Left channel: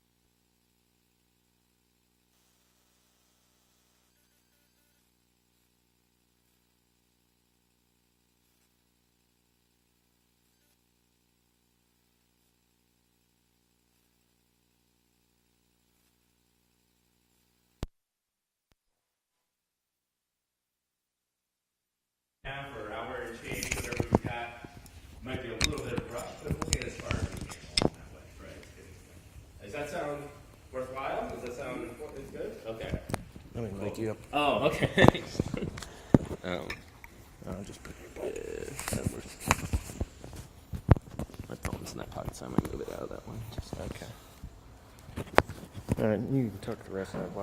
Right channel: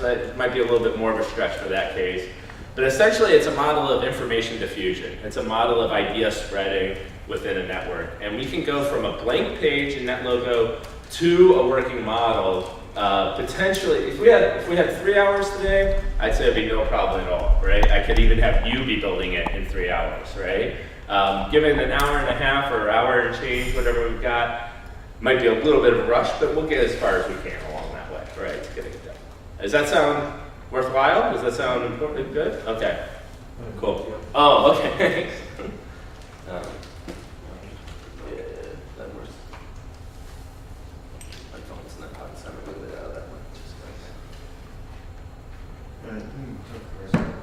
That might be a little bit more of a stretch for that case. But essentially, it's a model of information diffusion. It's a model of idea spreading within a network. And we can go from a blank page in NetLogo to a working model. Potentially, if we had 3 hours today, I'd say it'd be no problem at all, right? I could even have you be building it in 3 hours, right? Given an hour and a half or hour and change, whatever we've got, might be a little bit of a rush, but we'll get as far as we can along that way, right, to getting it done. Does that sound worthwhile? Does that sound good? Okay, cool. Oh, okay, thanks.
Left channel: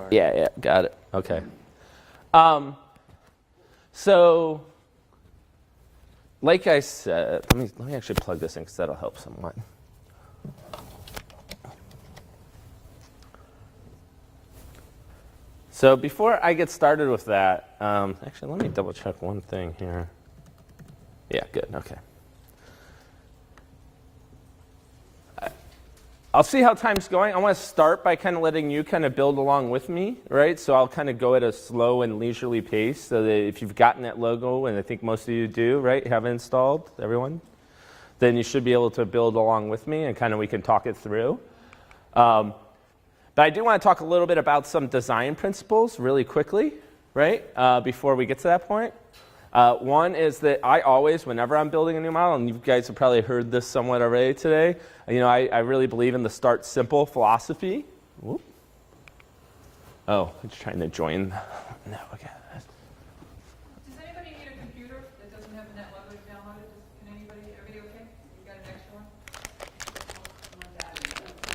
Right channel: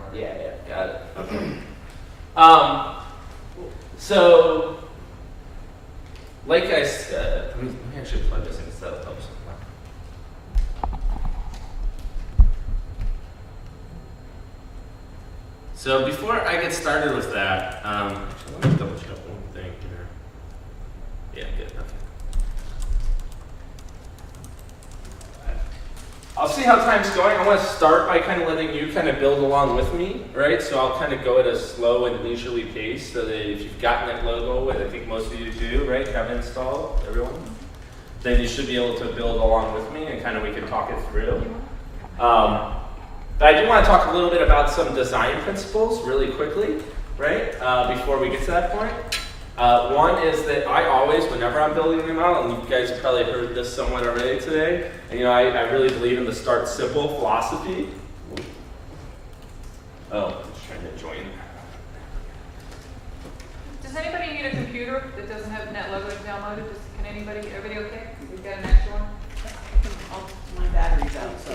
Yeah, got it. Okay. So, like I said, let me actually plug this in because that'll help some more. So before I get started with that, actually let me double check one thing here. Yeah, good, okay. I'll see how time's going. I want to start by kind of letting you kind of build along with me, right? So I'll kind of go at a slow and leisurely pace so that if you've gotten that logo, and I think most of you do, right, have it installed, everyone, then you should be able to build along with me and kind of we can talk it through. But I do want to talk a little bit about some design principles really quickly, right, before we get to that point. One is that I always, whenever I'm building a model, and you guys have probably heard this somewhat already today, I really believe in the start simple philosophy. Ooh. Oh, I'm just trying to join. No, okay. Does anybody need a computer that doesn't have NetLogo downloaded? Everybody okay? We've got an extra one? My battery's out, so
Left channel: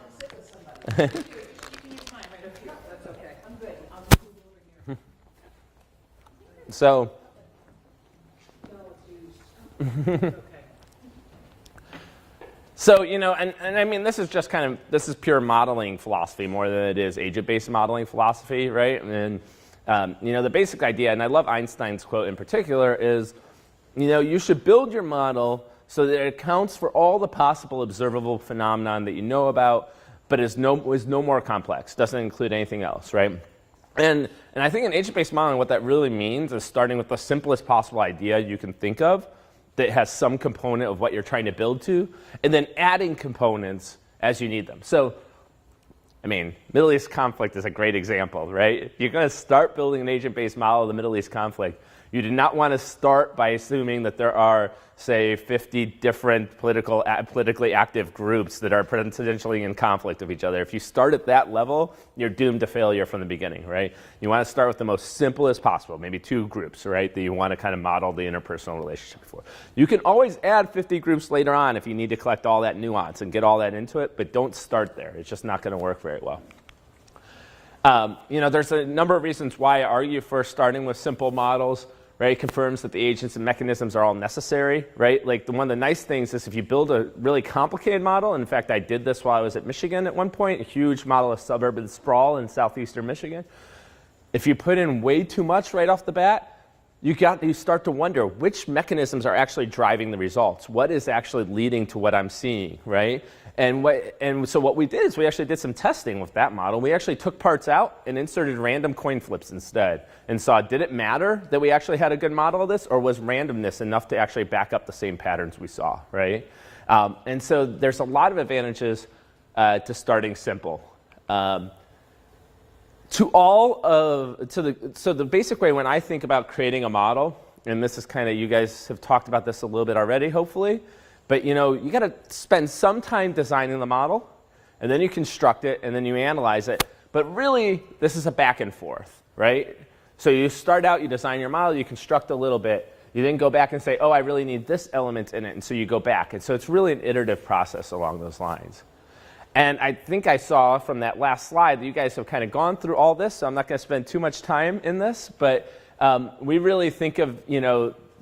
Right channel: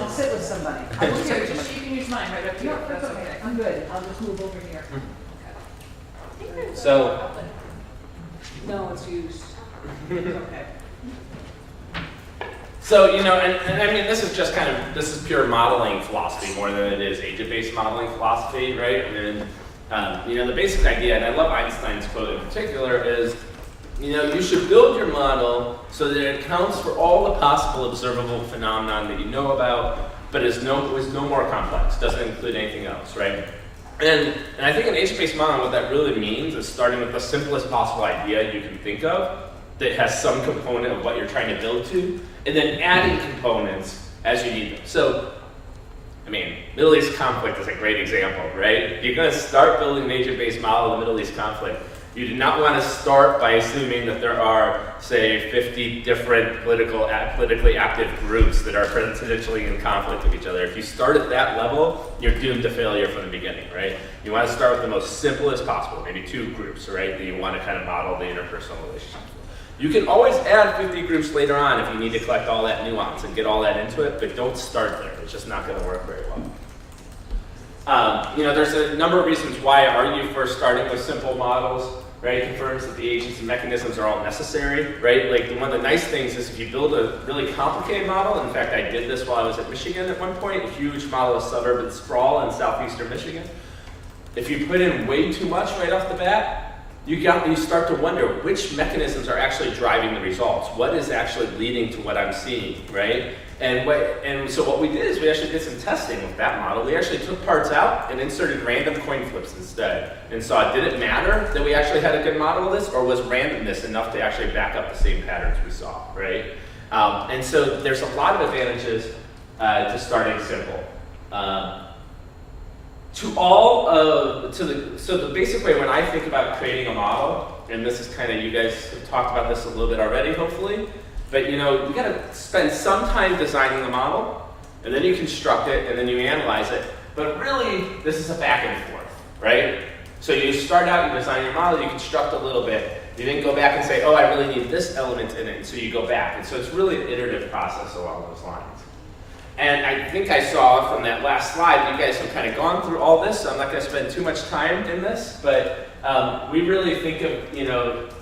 I'll sit with somebody. Okay, just you can use mine right up here. No, That's okay. I'm good. I'll just move over here. So, No, it's used. Okay. So, and I mean, this is pure modeling philosophy more than it is agent-based modeling philosophy, right? And the basic idea, and I love Einstein's quote in particular, is, you should build your model so that it accounts for all the possible observable phenomenon that you know about, but is no more complex, doesn't include anything else, right? And I think in agent-based modeling, what that really means is starting with the simplest possible idea you can think of that has some component of what you're trying to build to, and then adding components as you need them. So, I mean, Middle East conflict is a great example, right? You're going to start building an agent-based model of the Middle East conflict. You do not want to start by assuming that there are, say, 50 different politically active groups that are potentially in conflict with each other. If you start at that level, you're doomed to failure from the beginning, right? You want to start with the most simplest possible, maybe 2 groups, right, that you want to kind of model the interpersonal relationship for. You can always add 50 groups later on if you need to collect all that nuance and get all that into it, but don't start there. It's just not going to work very well. There's a number of reasons why I argue for starting with simple models. Right, it confirms that the agents and mechanisms are all necessary, right? Like one of the nice things is if you build a really complicated model, in fact I did this while I was at Michigan at one point, a huge model of suburban sprawl in southeastern Michigan. If you put in way too much right off the bat, you start to wonder which mechanisms are actually driving the results. What is actually leading to what I'm seeing, right? And so what we did is we actually did some testing with that model. We actually took parts out and inserted random coin flips instead and saw did it matter that we actually had a good model of this, or was randomness enough to actually back up the same patterns we saw, right? And so there's a lot of advantages to starting simple. So the basic way when I think about creating a model, and this is kind of, you guys have talked about this a little bit already, hopefully, but you got to spend some time designing the model, and then you construct it, and then you analyze it. But really, this is a back and forth, right? So you start out, you design your model, you construct a little bit, you then go back and say, oh, I really need this element in it, and so you go back. And so it's really an iterative process along those lines. And I think I saw from that last slide, you guys have kind of gone through all this, so I'm not going to spend too much time in this, but we really think of,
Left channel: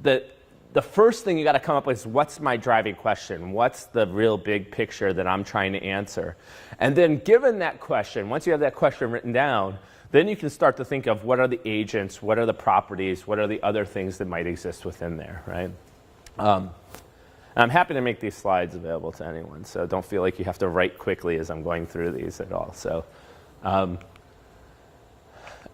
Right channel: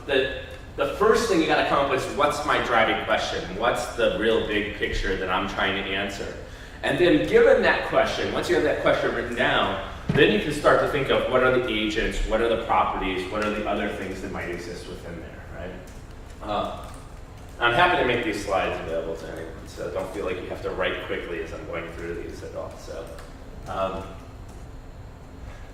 that the first thing you got to come up with is what's my driving question? What's the real big picture that I'm trying to answer? And then given that question, once you have that question written down, then you can start to think of what are the agents, what are the properties, what are the other things that might exist within there, right? And I'm happy to make these slides available to anyone, so don't feel like you have to write quickly as I'm going through these at all. So,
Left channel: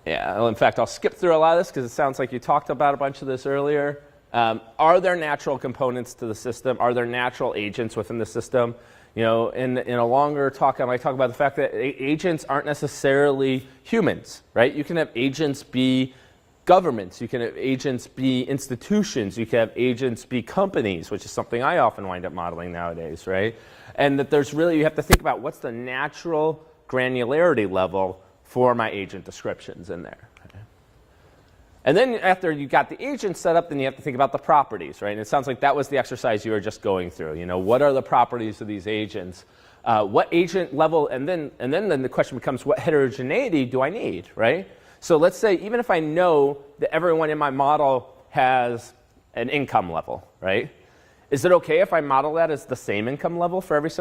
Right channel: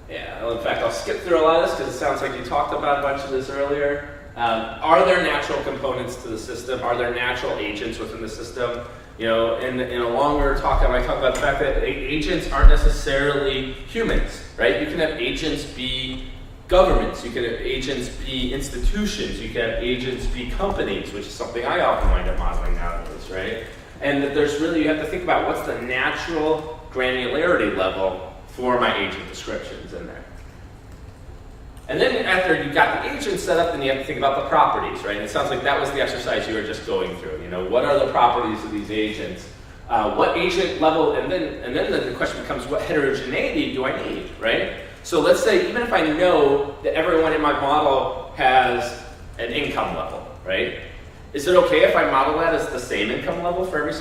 yeah, well, in fact, I'll skip through a lot of this because it sounds like you talked about a bunch of this earlier. Are there natural components to the system? Are there natural agents within the system? You know, in a longer talk, I might talk about the fact that agents aren't necessarily humans, right? You can have agents be governments, you can have agents be institutions, you can have agents be companies, which is something I often wind up modeling nowadays, right? And that there's really, you have to think about what's the natural granularity level for my agent descriptions in there. And then after you got the agent set up, then you have to think about the properties, right? And it sounds like that was the exercise you were just going through. You know, what are the properties of these agents? What agent level, and then the question becomes, what heterogeneity do I need, right? So let's say even if I know that everyone in my model has an income level, right? Is it okay if I model that as the same income level for every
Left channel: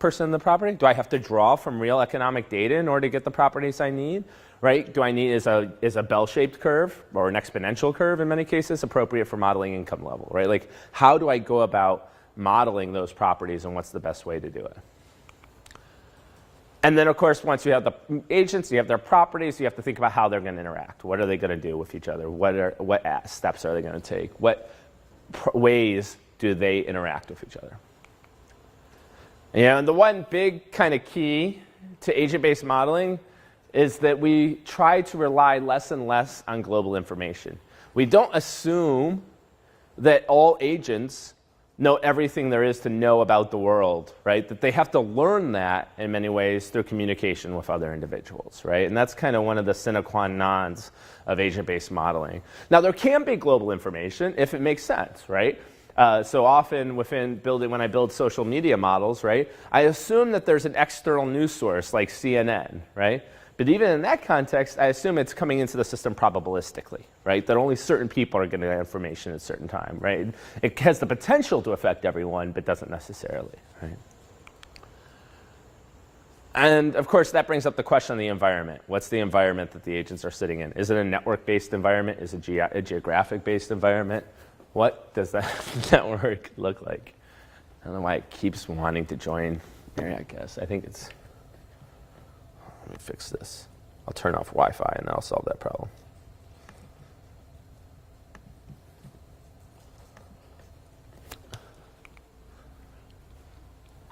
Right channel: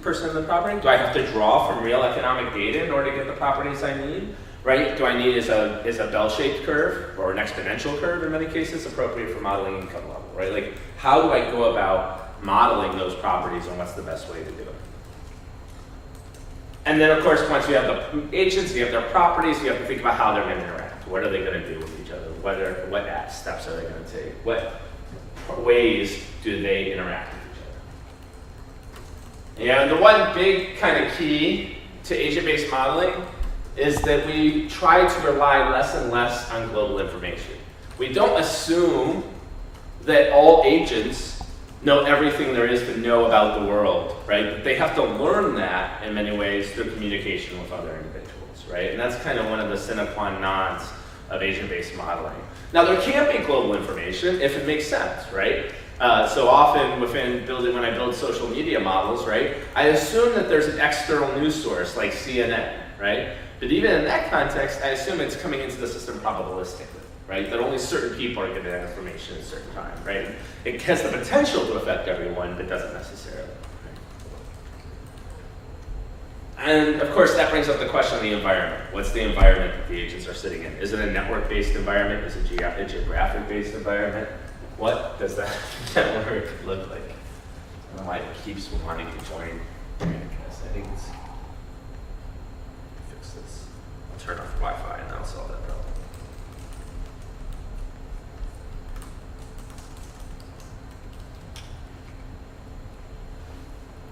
person in the property? Do I have to draw from real economic data in order to get the properties I need? Right? Do I need is a bell-shaped curve or an exponential curve in many cases appropriate for modeling income level, right? Like, how do I go about modeling those properties and what's the best way to do it? And then, of course, once you have the agents, you have their properties, you have to think about how they're going to interact. What are they going to do with each other? What steps are they going to take? What ways do they interact with each other? You know, the one big kind of key to agent-based modeling is that we try to rely less and less on global information. We don't assume that all agents know everything there is to know about the world, right? But they have to learn that in many ways through communication with other individuals, right? And that's kind of one of the sine qua nons of agent-based modeling. Now, there can be global information if it makes sense, right? So often when I build social media models, right, I assume that there's an external news source like CNN, right? But even in that context, I assume it's coming into the system probabilistically, right? That only certain people are getting that information at a certain time, right? It has the potential to affect everyone, but doesn't necessarily, right? And of course, that brings up the question of the environment. What's the environment that the agents are sitting in? Is it a network-based environment? Is it a geographic-based environment? What does that network look like? I don't know why it keeps wanting to join here, I guess. I think it's... fix this. I'll turn off Wi-Fi and that'll solve that problem.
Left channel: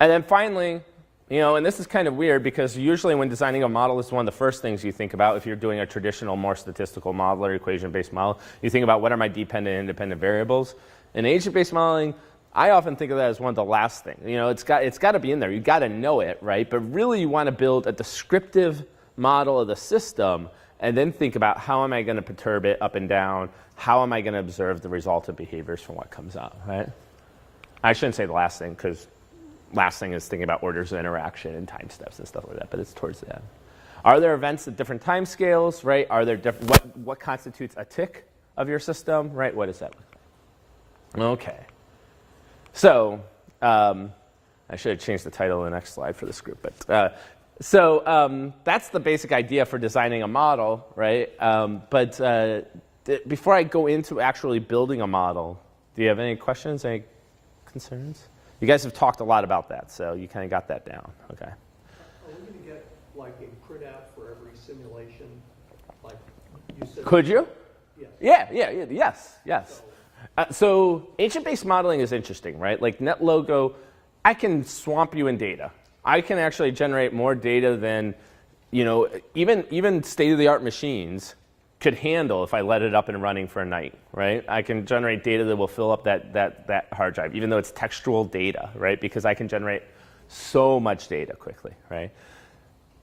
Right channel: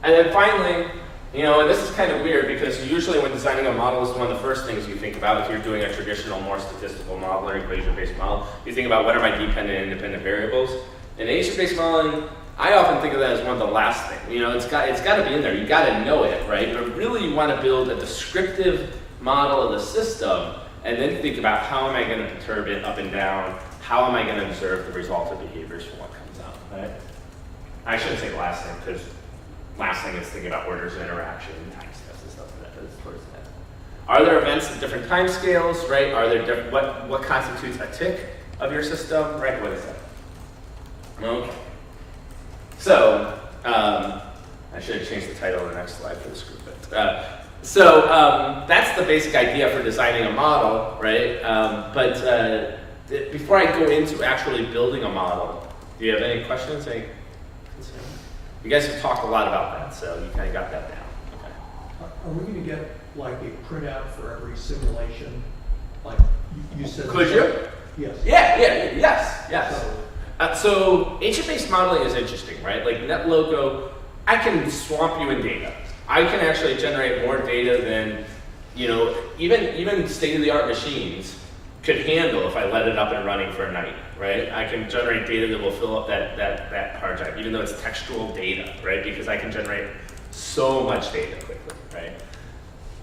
And then finally, you know, and this is kind of weird because usually when designing a model, this is one of the first things you think about if you're doing a traditional, more statistical model or equation-based model. You think about what are my dependent and independent variables. In agent-based modeling, I often think of that as one of the last things. You know, it's got to be in there. You got to know it, right? But really, you want to build a descriptive model of the system, and then think about how am I going to perturb it up and down? How am I going to observe the result of behaviors from what comes up, right? I shouldn't say the last thing because last thing is thinking about orders of interaction and time steps and stuff like that, but it's towards the end. Are there events at different time scales, right? Are there different, what constitutes a tick of your system, right? What is that? Okay. So, I should have changed the title of the next slide for this group, but that's the basic idea for designing a model, right? Before I go into actually building a model, do you have any questions, any concerns? You guys have talked a lot about that, so you kind of got that down. Okay. Are we going to get like a printout for every simulation? Like you said. Could you? Yes. Yes. So agent-based modeling is interesting, right? Like NetLogo, I can swamp you in data. I can actually generate more data than, you know, even state-of-the-art machines could handle if I let it up and running for a night, right? I can generate data that will fill up that hard drive, even though it's textual data, right? Because I can generate so much data quickly, right?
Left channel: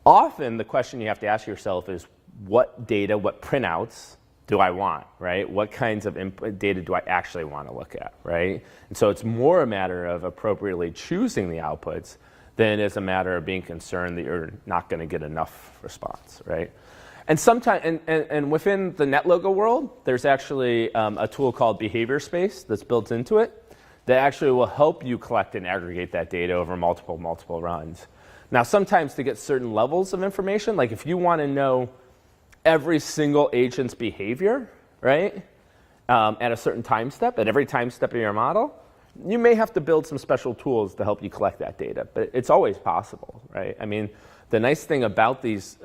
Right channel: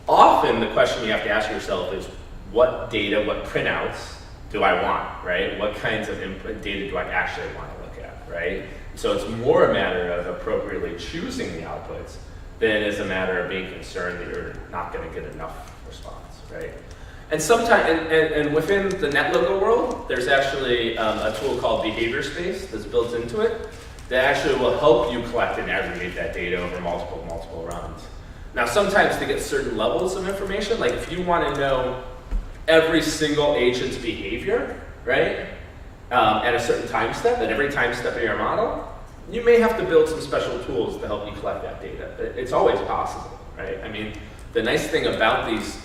Often the question you have to ask yourself is, what data, what printouts do I want, right? What kinds of data do I actually want to look at, right? And so it's more a matter of appropriately choosing the outputs than it is a matter of being concerned that you're not going to get enough response, right? And sometimes, and within the NetLogo world, there's actually a tool called Behavior Space that's built into it that actually will help you collect and aggregate that data over multiple runs. Now, sometimes to get certain levels of information, like if you want to know every single agent's behavior, right, at a certain time step, at every time step of your model, you may have to build some special tools to help you collect that data, but it's always possible, right? I mean, the nice thing about these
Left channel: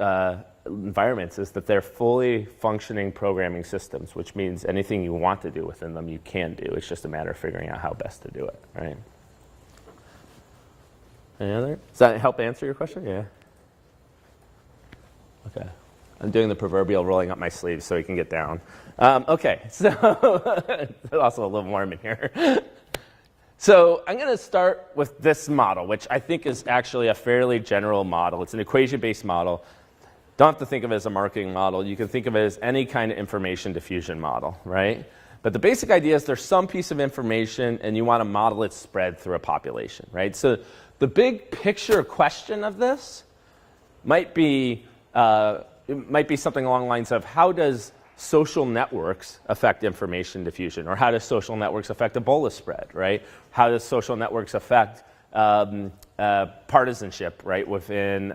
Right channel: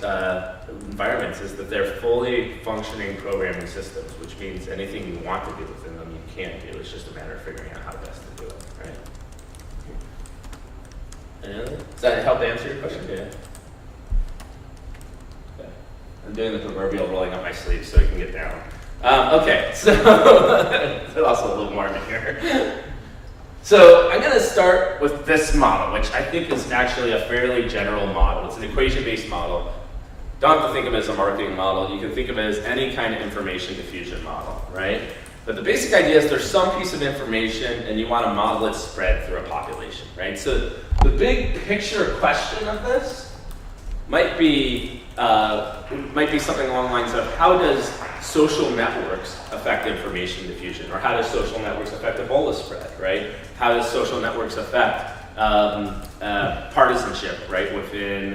environments is that they're fully functioning programming systems, which means anything you want to do within them, you can do. It's just a matter of figuring out how best to do it, right? Any other? Does that help answer your question? Yeah. Okay. I'm doing the proverbial rolling up my sleeves so you can get down. Okay, so there's also a little more in here. So I'm going to start with this model, which I think is actually a fairly general model. It's an equation-based model. Don't have to think of it as a marketing model. You can think of it as any kind of information diffusion model, right? But the basic idea is there's some piece of information and you want to model its spread through a population, right? So the big picture question of this might be something along the lines of how does social networks affect information diffusion, or how does social networks affect Ebola spread, right? How does social networks affect partisanship, right, within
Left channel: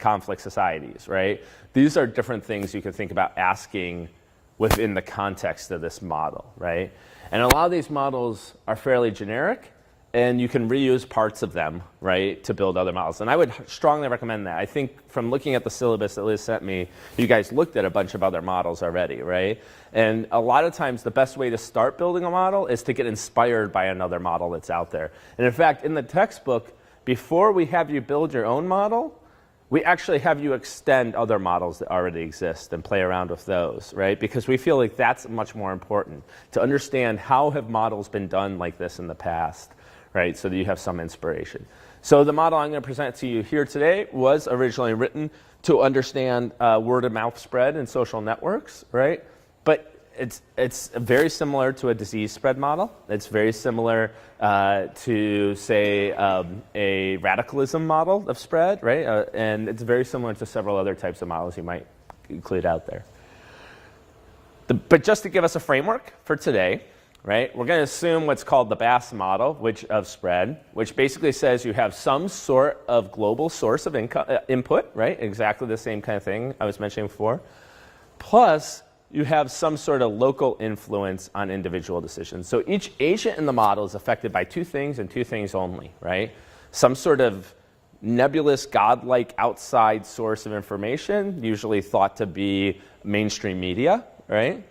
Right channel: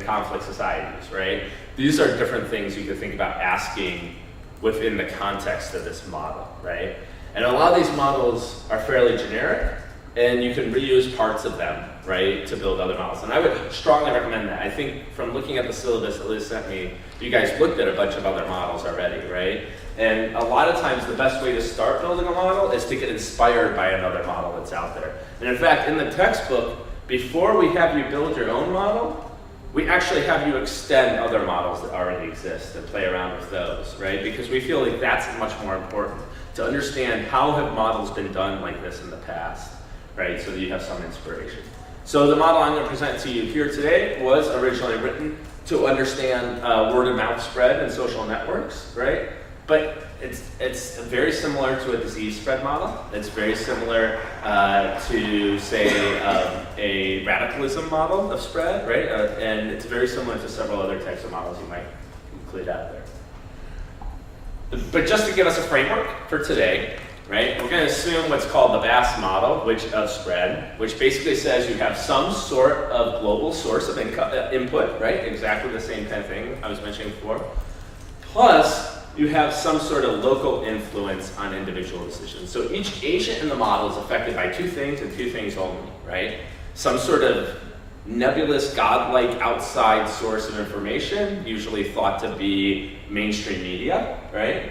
conflict societies, right? These are different things you can think about asking within the context of this model, right? And a lot of these models are fairly generic, and you can reuse parts of them, right, to build other models. And I would strongly recommend that. I think from looking at the syllabus that Liz sent me, you guys looked at a bunch of other models already, right? And a lot of times the best way to start building a model is to get inspired by another model that's out there. And in fact, in the textbook, before we have you build your own model, we actually have you extend other models that already exist and play around with those, right? Because we feel like that's much more important, to understand how have models been done like this in the past, right? So that you have some inspiration. So the model I'm going to present to you here today was originally written to understand word of mouth spread in social networks, right? But it's very similar to a disease spread model. It's very similar to, say, a radicalism model of spread, right? And it's very similar to several other types of models you might include out there. But just to give us a framework for today, right, we're going to assume what's called the VAS model, of spread, which basically says you have some sort of global source of input, right? Exactly the same kind of thing I was mentioning before. Plus, you have some sort of local influence on individual decisions. So each agent in the model is affected by two things and two things only, right? Some sort of nebulous, godlike outside source of information, usually thought to be mainstream media, right?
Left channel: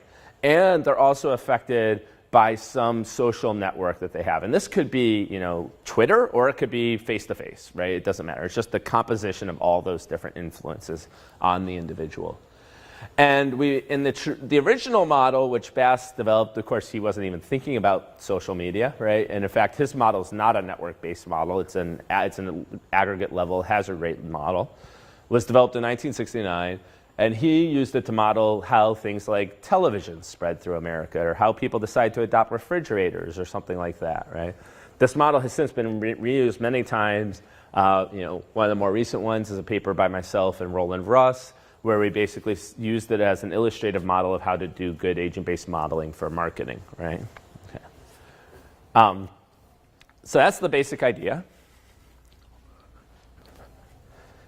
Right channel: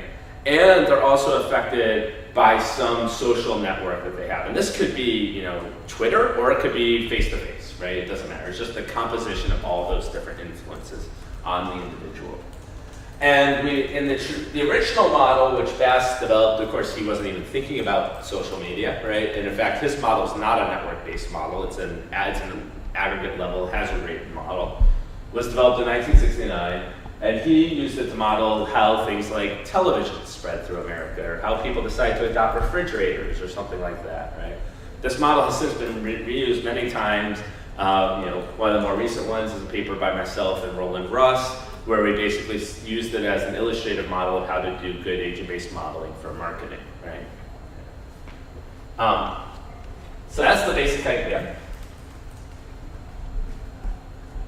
And they're also affected by some social network that they have. And this could be, Twitter, or it could be face-to-face, right? It doesn't matter. It's just the composition of all those different influences on the individual. And in the original model, which Bass developed, of course, he wasn't even thinking about social media, right? And in fact, his model is not a network-based model. It's an aggregate level hazard rate model. It was developed in 1969, and he used it to model how things like television spread through America, or how people decide to adopt refrigerators, or something like that, right? This model has since been reused many times. One of the more recent ones is a paper by myself and Roland Russ, where we basically used it as an illustrative model of how to do good agent-based modeling for marketing, right? Okay. So that's the basic idea.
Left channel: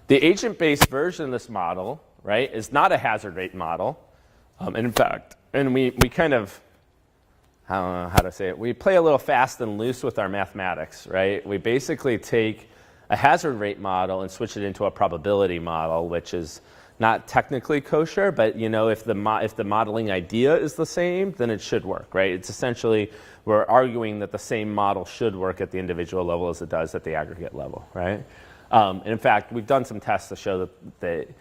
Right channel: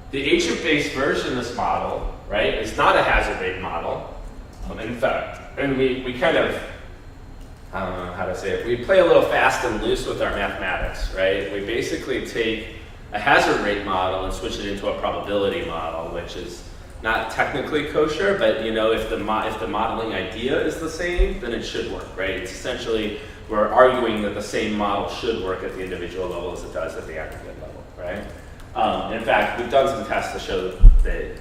The agent-based version of this model, right, is not a hazard rate model. In fact, and we kind of, I don't know how to say it, we play a little fast and loose with our mathematics, right? We basically take a hazard rate model and switch it into a probability model, which is not technically kosher, but if the modeling idea is the same, then it should work, right? It's essentially, we're arguing that the same model should work at the individual level as it does at the aggregate level, right? In fact, we've done some tests to show that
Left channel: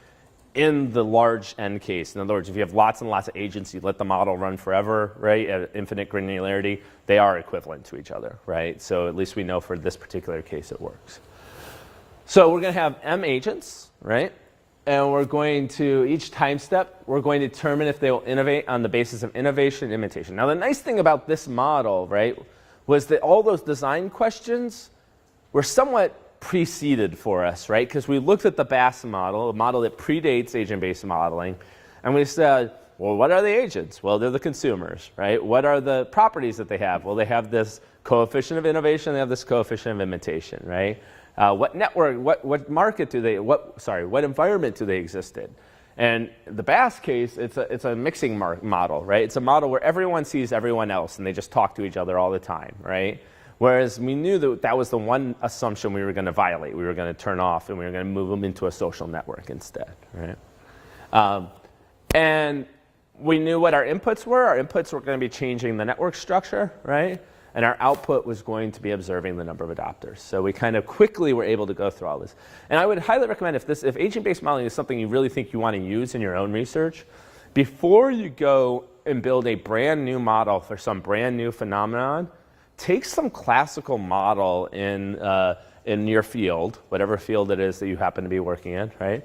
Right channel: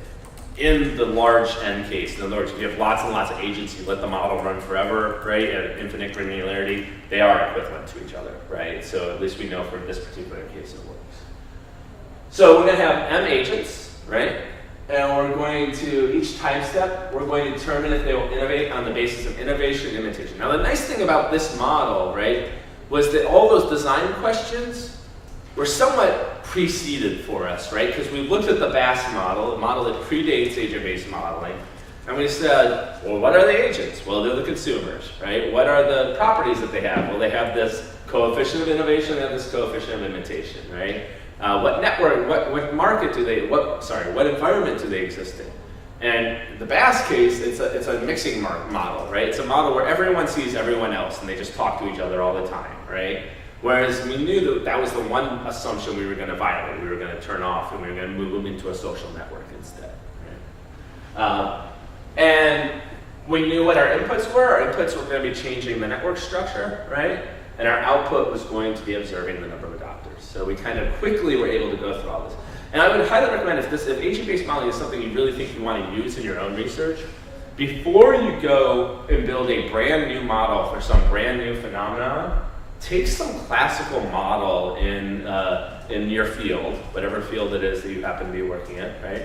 in the large N case, in other words, if you have lots and lots of agents, you let the model run forever, right, at infinite granularity, they are equivalent to each other, right? So at least we know for this particular case it works. So we're going to have M agents, right? And we're going to, each time step, we're going to determine if they will innovate on the basis of innovation and imitation. Now the nice thing about this model, right, was that all those design questions were somewhat preceded for us, right? Because we looked at the VAS model, a model that predates agent-based modeling, and we said, well, what are the agents? Well, they're the consumers, right? What are the properties that they have? Well, they have this coefficient of innovation and this coefficient of imitation, right? What network, what market do they, what environment do they exist in? And the VAS case, it's a mixing model, right? It's a model where everyone sees everyone else and they just talk to each other all the time, right? Whereas we knew that that was the one assumption we were going to violate. We were going to turn off, and we were going to move them into a social network instead, right? And we knew what our inputs were. Our inputs were going to be changing the network structure, right? And our output was going to be observing the number of adopters. So we kind of quickly were able to go through all this. And I would highly recommend if agent-based modeling is something you really think you want to use in your own research, before you go and build a brand new model for some brand new phenomenon, take some classical model in your field, whatever field it is that you happen to be working in, right?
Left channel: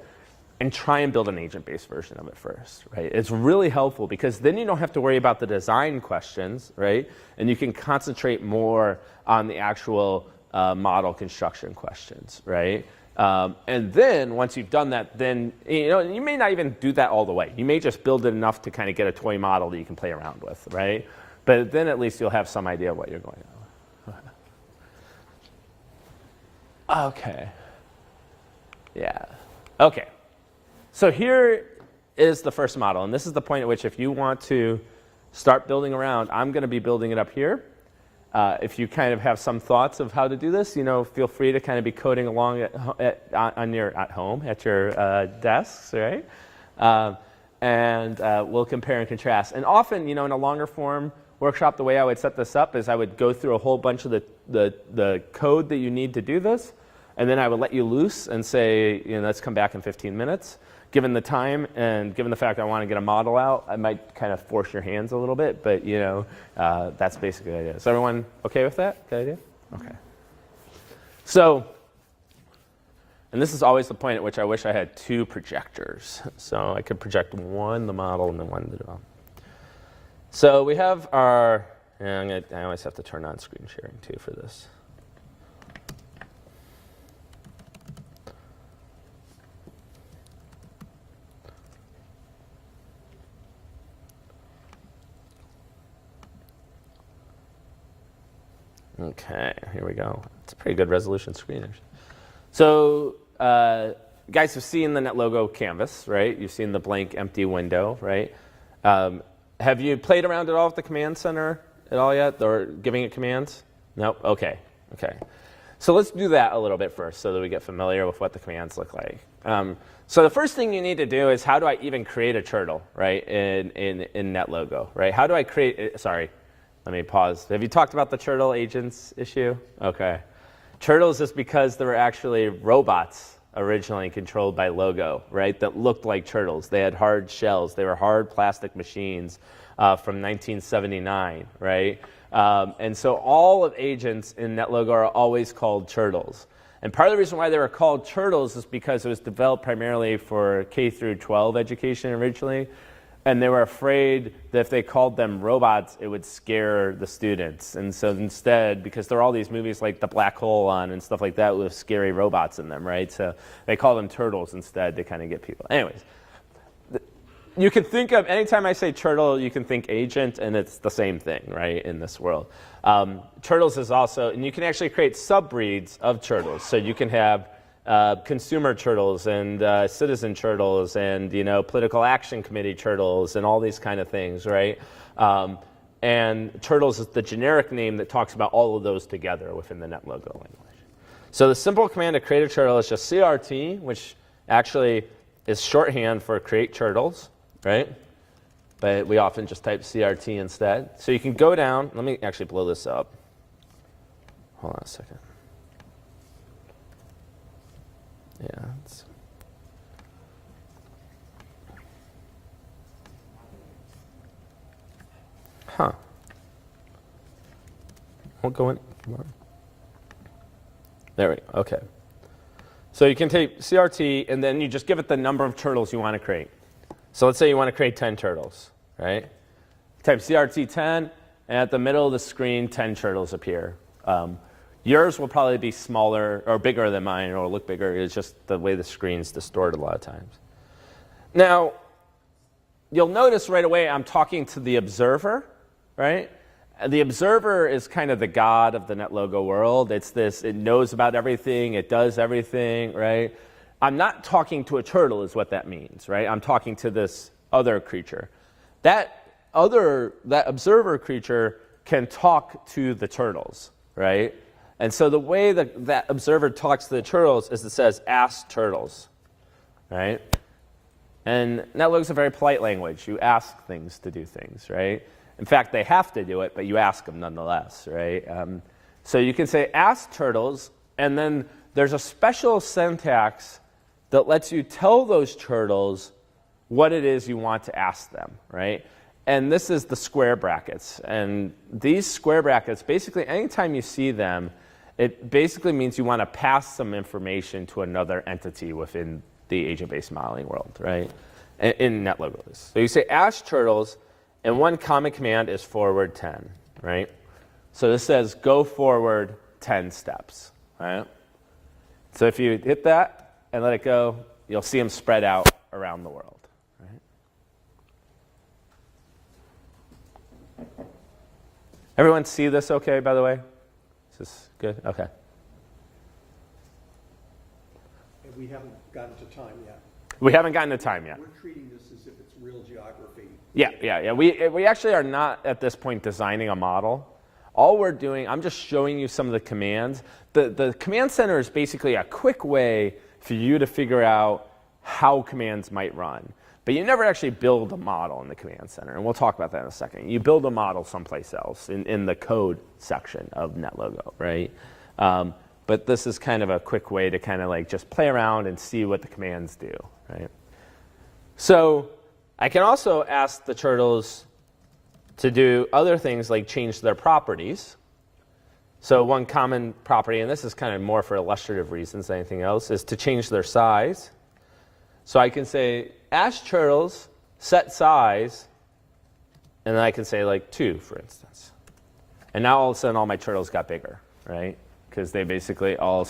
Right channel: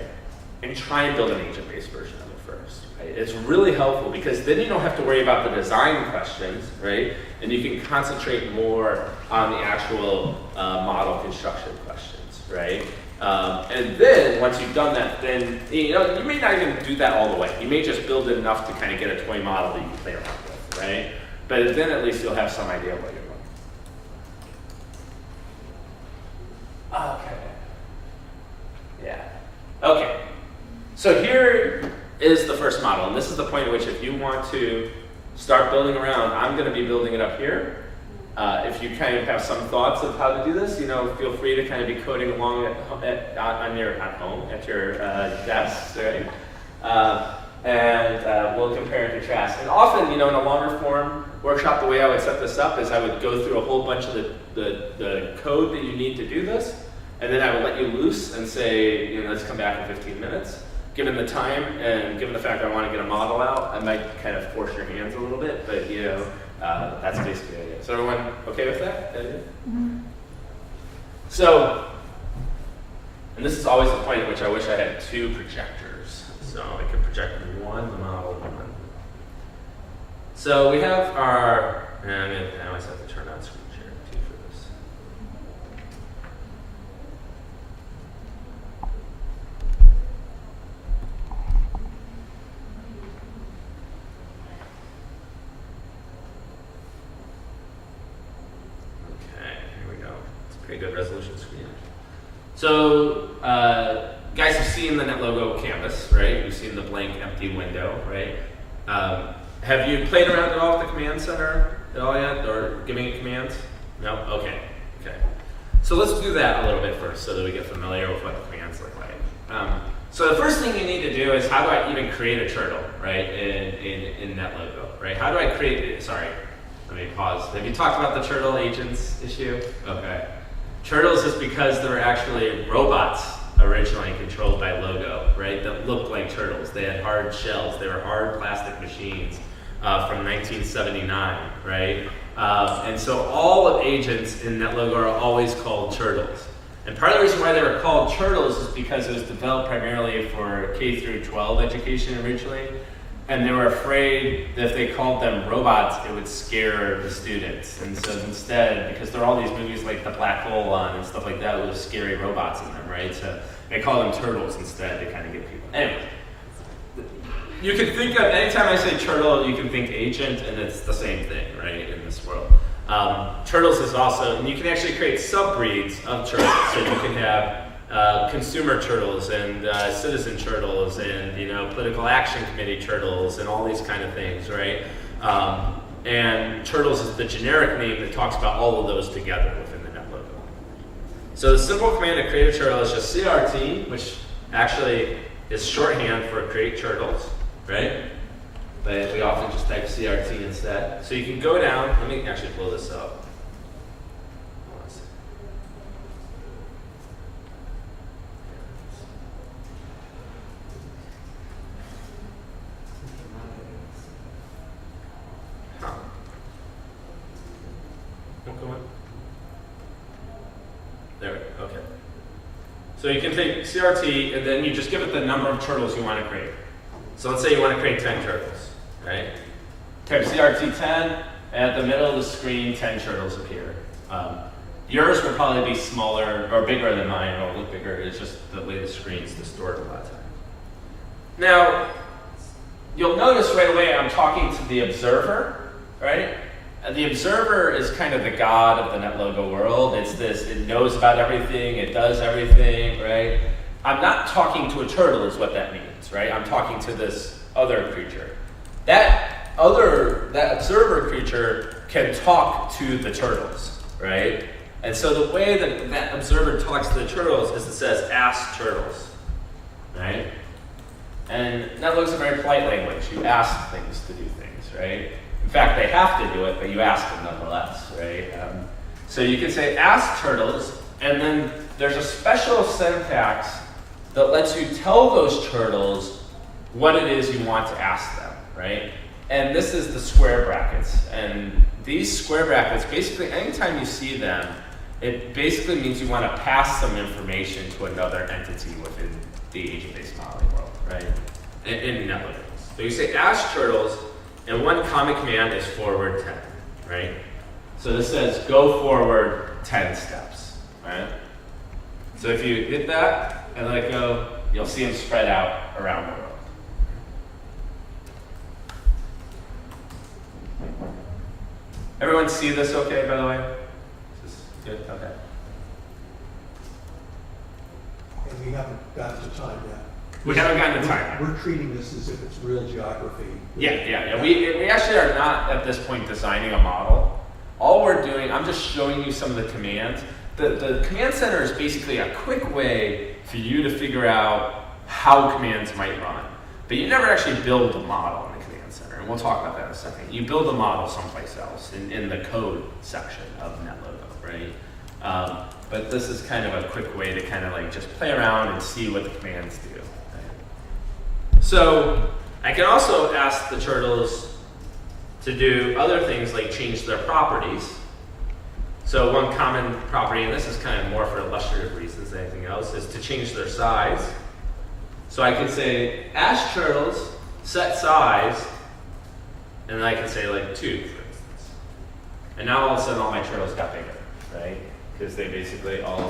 And try and build an agent-based version of it first, right? It's really helpful because then you don't have to worry about the design questions, right? And you can concentrate more on the actual model construction questions, right? And then once you've done that, then you may not even do that all the way. You may just build it enough to kind of get a toy model that you can play around with, right? But then at least you'll have some idea what you're going. Okay. Yeah. Okay. So here is the first model, and this is the point at which if you want to start building around, I'm going to be building it up here. If you kind of have some thoughts of how to do this, feel free to kind of be coding along at home at your desks, right? And we'll compare and contrast. And often, in a longer form workshop, the way I would set this up is I would go through a whole bunch of the code that you need to do this, and then I would let you loose and say, let's come back in 15 minutes. Given the time and given the fact that I want to get a model out, I might kind of force your hands a little bit, but that's basically the idea. Is everyone okay with that? The idea? Okay. So, and this is always the point at which I wish I had two projectors. So I could project one the model and then one the model. So we have our, I always have to turn on screen sharing too for this. Okay, here we go. It's a pretty good resolution screen. So, guys, you've seen the NetLogo canvas, right? You've seen the blank, empty window, right? Have you played around at all with the command center at all yet, or giving it commands? No? Okay. So let's do that a little bit first so that we get familiar with what the commands look like. So the first thing you need to do is how do I even create a turtle, right, in NetLogo, right? How do I create it? Sorry. Let me pause. Have you talked about the turtle agents issue? Okay. Turtles is because there were actually robots originally controlled by Logo, right, that looked like turtles. They had hard shells. They were hard plastic machines from 1979, right? And so all agents in NetLogo are always called turtles. And part of the reason why they were called turtles is because it was developed primarily for K through 12 education originally. And they were afraid that if they called them robots, it would scare the students. And so instead, because there are all these movies like The Black Hole on and stuff like that with scary robots in them, right? So they call them turtles instead to kind of get people. Anyway, you can think of, anytime I say turtle, you can think agent, and it's the same thing, right, in this world. Turtles is also, and you can actually create subbreeds of turtles. So you can have consumer turtles and citizen turtles and political action committee turtles and all these kind of things, right? And turtles is the generic name that talks about all of those together within the NetLogo. So the simple command to create a turtle is just CRT, which actually is shorthand for create turtles, right? But we often just type CRT instead. So you can go down. Let me actually blow this up. Hold on a second. Huh. Won't go in. There we go. Okay. So you can take CRT and then you just give it the number of turtles you want to create. So let's say you want to create 10 turtles, right? Type CRT 10, and at the middle of the screen, 10 turtles appear. Yours will probably be smaller or bigger than mine, or look bigger. It's just the way the screen's distorted a lot of times. Now, you'll notice right away I'm talking to the observer, right? And the observer is kind of the god of the NetLogo world. It's this, it knows about everything, it does everything, right? I'm not talking to a turtle is what that means, right? I'm talking to this other creature. That observer creature can talk to the turtles, right? And so the way that that observer talks to the turtles is it says, ask turtles, right? And NetLogo is a very polite language. You ask things to do things, right? In fact, they have to do it, but you ask them nonetheless, right? So you can say, ask turtles, and then there's a special syntax that lets you tell those turtles what it is you want to ask them, right? And this is the square brackets. And these square brackets, basically, anytime you see them, it basically means you want to pass some information to another entity within the agent-based modeling world, right? In NetLogo. So you say ask turtles, and one common command is forward 10, right? So this says go forward 10 steps, right? So if you hit that and let it go, you'll see them spread out around the world. Everyone see this okay, by the way? Is this good? Okay. And we haven't got to time yet. We haven't gotten to time yet. We're treating this as if it's real geography. Yeah. We actually are not at this point designing a model. All we're doing, I'm just showing you some of the commands. The command center is basically a quick way for you to figure out how commands might run. But you never actually build a model in the command center, and we'll talk about that in a second. You build a model someplace else in the code section of NetLogo, right? But this is kind of a quick way to kind of like just play around and see what the commands do, right? So I can also ask the turtles to do other things like change their properties. So one common property, and this is kind of more for illustrative reasons than anything else, is to change their size. So I can say, ask turtles, set size, and then I can say like 2, for instance. And now all of a sudden all my turtles got bigger, right? Because they basically all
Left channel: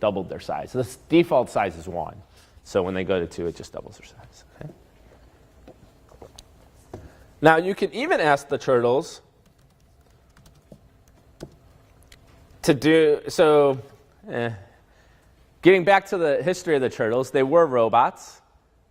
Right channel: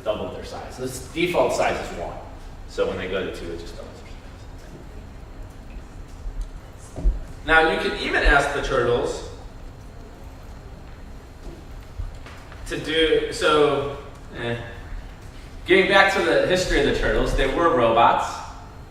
doubled their size. This default size is 1. So when they go to 2, it just doubles their size. Okay. Now you can even ask the turtles to do, getting back to the history of the turtles, they were robots.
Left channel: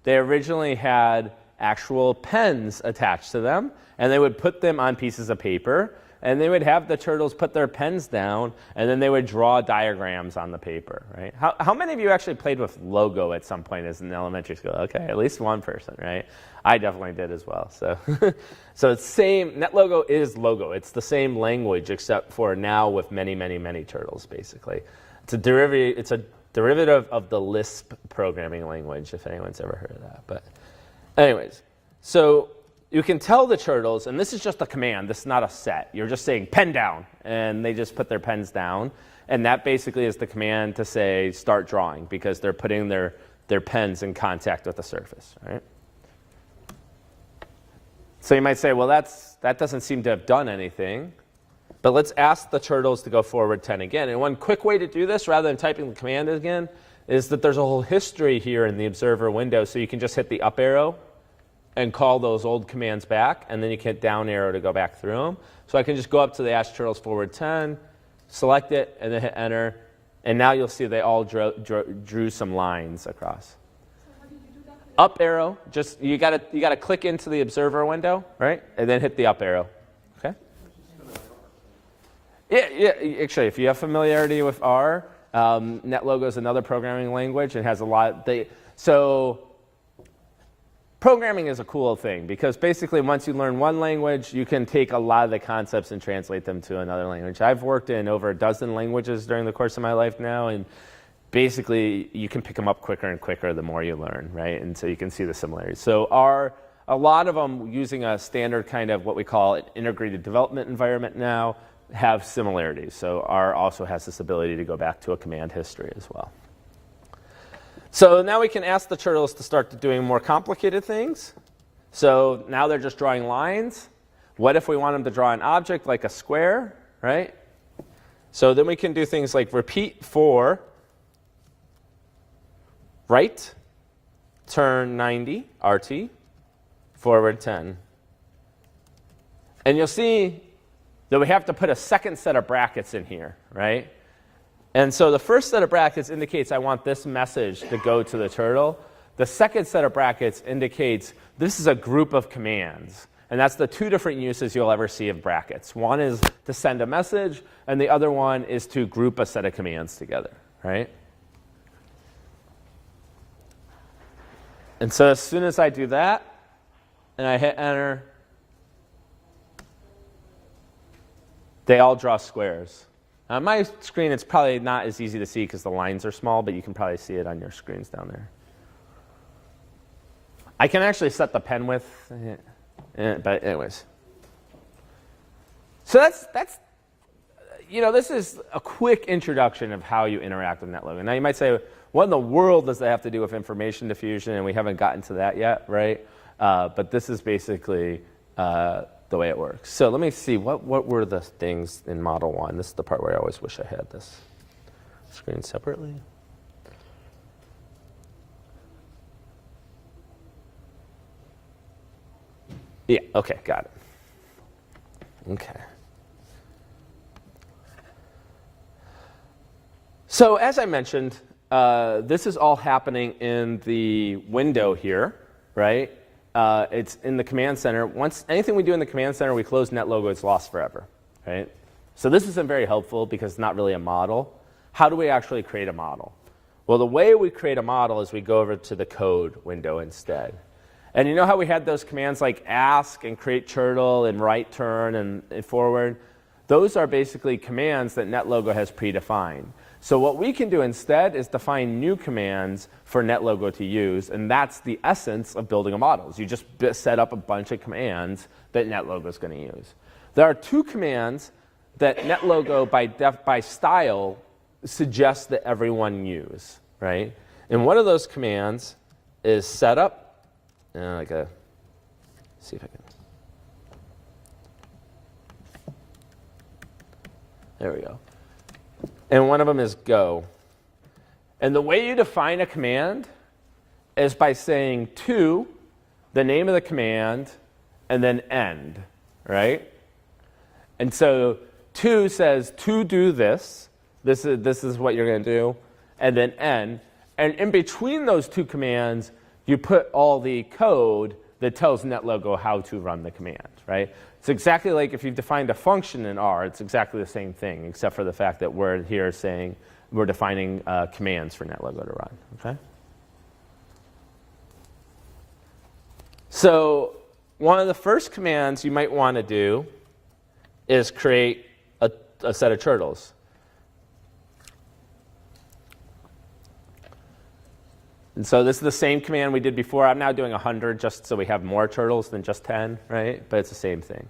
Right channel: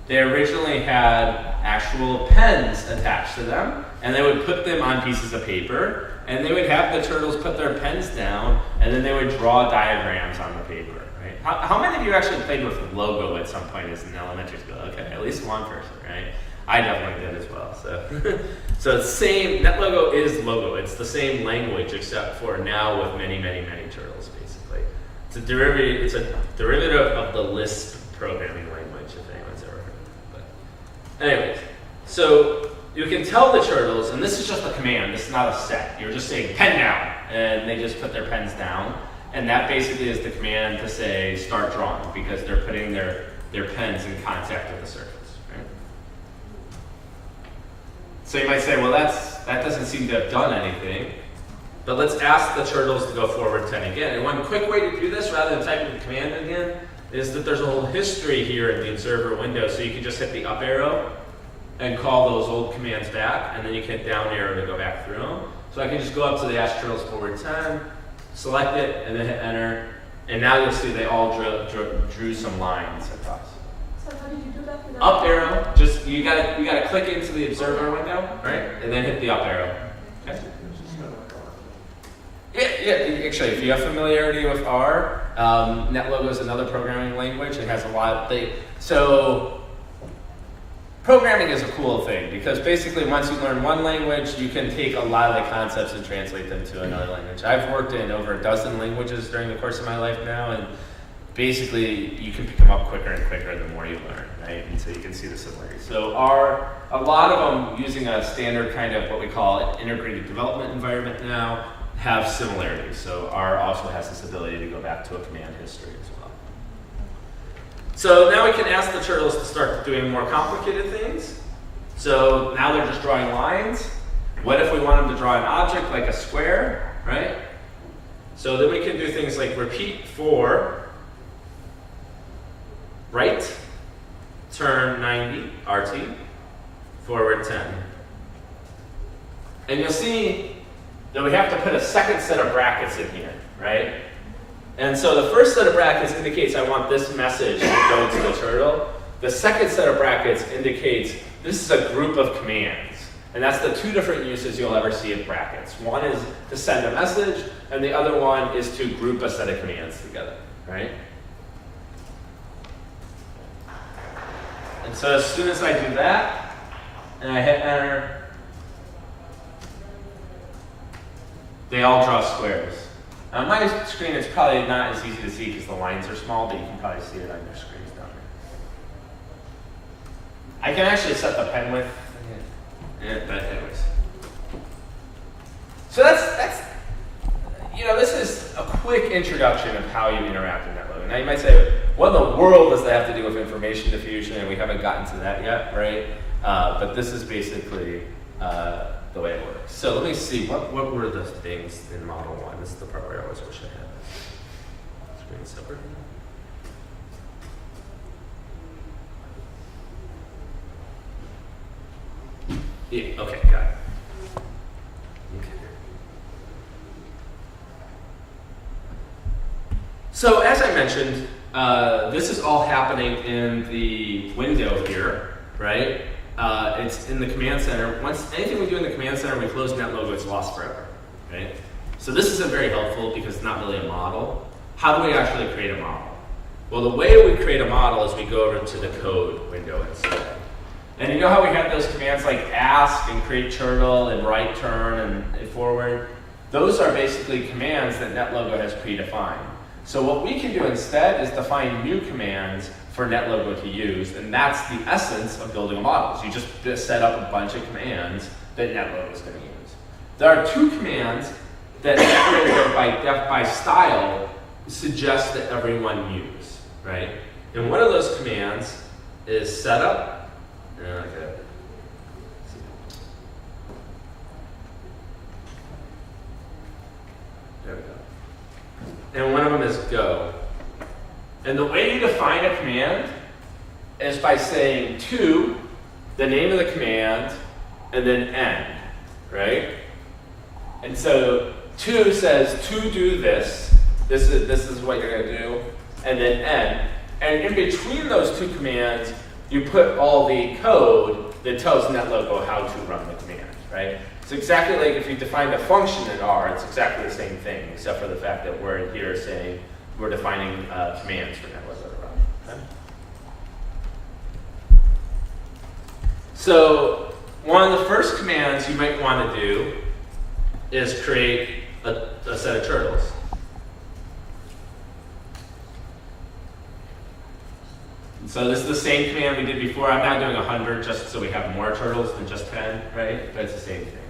They originally had actual pens attached to them, and they would put them on pieces of paper, and they would have the turtles put their pens down, and then they would draw diagrams on the paper, right? How many of you actually played with Logo at some point as an elementary school? Okay, at least one person, right? I definitely did as well. So it's same, NetLogo is Logo. It's the same language except for now with many, many, many turtles, basically. It's a derivative of the Lisp programming language, if anyone's ever heard of that. But anyways, so you can tell the turtles, and this is just a command, this is not a set. You're just saying pen down, and they just put their pens down. And that basically is the command to say start drawing, because they're putting their pens in contact with the surface, right? So you might say, well, that doesn't seem to have done anything. But let's ask the turtles to go forward 10 again. And one quick way to do this, rather than typing the command again, is that there's a whole history here in the observer window. So you can just hit the up arrow and call those old commands back, and then you can hit down arrow to go back through them. So I can just go up to the ask turtles forward 10, select it, and then hit enter. And now you'll see they all drew some lines across. Up arrow, just you gotta click into the observer window, right? And then hit the up arrow. Okay? Yeah, actually, if you have familiarity with R, NetLogo is another programming language. It has a lot so programming is a cool thing because basically once you learn one language, you can take a lot of the concepts and translate them to another language. I've worked in over a dozen languages during the course of my life now, and basically you can pick them up quicker and quicker the more you learn, right? And so you can see the similarities. So R, a lot of them using a standard kind of what we call an integrated development environment now, have similarities. So R also has this ability to go back to a command history as well. So now we can ask the turtles to start doing more complicated things. So now they're just drawing lines. What if we wanted to draw an object like a square, right? So then we can do things like repeat for right, turn 90, RT, forward 10. And you'll see that we have to put a second set of brackets in here, right? And so the first set of brackets indicates I want this message to go to the turtle. The second set of brackets indicates this is a group of commands. And that's the two different uses you'll ever see of brackets. One is to send a message, and the other one is to group a set of commands together, right? And so as soon as I do that, and I hit enter, they all draw squares. On my screen, it's probably not as easy to see because the lines are small, but you can probably see it on your screens down there. I can actually set the pen width, but anyways. So that's this is a quick introduction of how you interact with NetLogo. Now you might say, what in the world does that have to do with information diffusion? And we haven't gotten to that yet, right? But this is basically the way it works. So let me see, what were the things in Model 1? This is the part where I always wish I had this screen separately. Yeah, okay, got it. Okay. So as I mentioned, this is all happening in the window here, right? It's in the command center. Once anything we do in the command center, we close NetLogo, it's lost forever, right? So this isn't very helpful because it's not really a model. How do we actually create a model? Well, the way we create a model is we go over to the code window instead. And you know how we have those commands like ask and create turtle and right turn and forward? Those are basically commands that NetLogo has predefined. So what we can do instead is define new commands for NetLogo to use, and that's the essence of building a model. You just set up a bunch of commands that NetLogo is going to use. There are two commands that NetLogo by style suggests that everyone use, right? And one of those commands is setup. Okay. See. There we go. And one of them is go. And the way you define a command is by saying to, the name of the command, and then end, right? And so to says to do this. This is what you're going to do, and then end. And in between those two commands, you put all the code that tells NetLogo how to run the command, right? It's exactly like if you define a function in R, it's exactly the same thing, except for the fact that we're here saying we're defining commands for NetLogo to run, okay? So one of the first commands you might want to do is create a set of turtles. And so this is the same command we did before. I'm now doing 100 just so we have more turtles than just 10, right? But it's the same thing,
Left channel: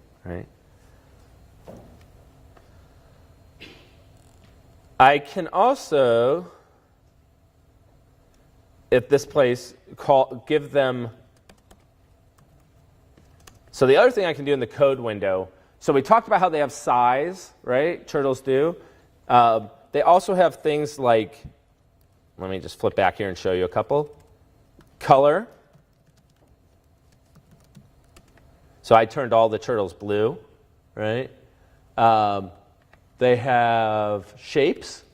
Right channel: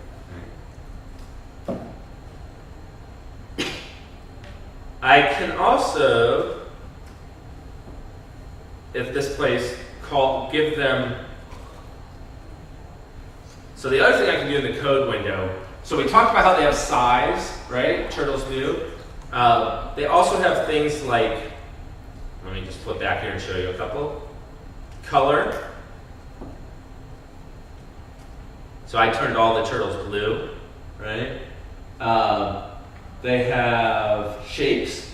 right? I can also, if this place, give them. So the other thing I can do in the code window, so we talked about how they have size, right? Turtles do. They also have things like, let me just flip back here and show you a couple. Color. So I turned all the turtles blue, right? They have shapes.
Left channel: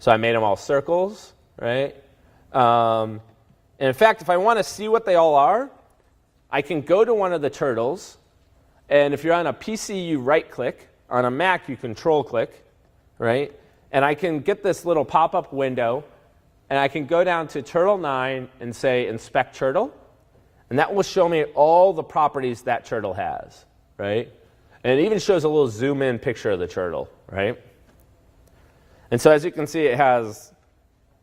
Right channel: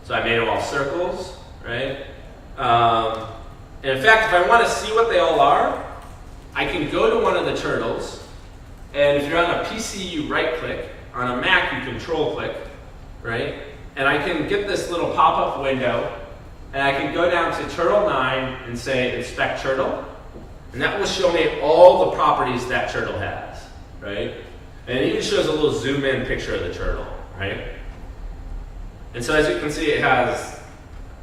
So I made them all circles, right? And in fact, if I want to see what they all are, I can go to one of the turtles, and if you're on a PC, you right-click. On a Mac, you control-click. Right? And I can get this little pop-up window, and I can go down to Turtle 9 and say Inspect Turtle, and that will show me all the properties that turtle has, right? And it even shows a little zoom-in picture of the turtle, right? And so as you can see, it has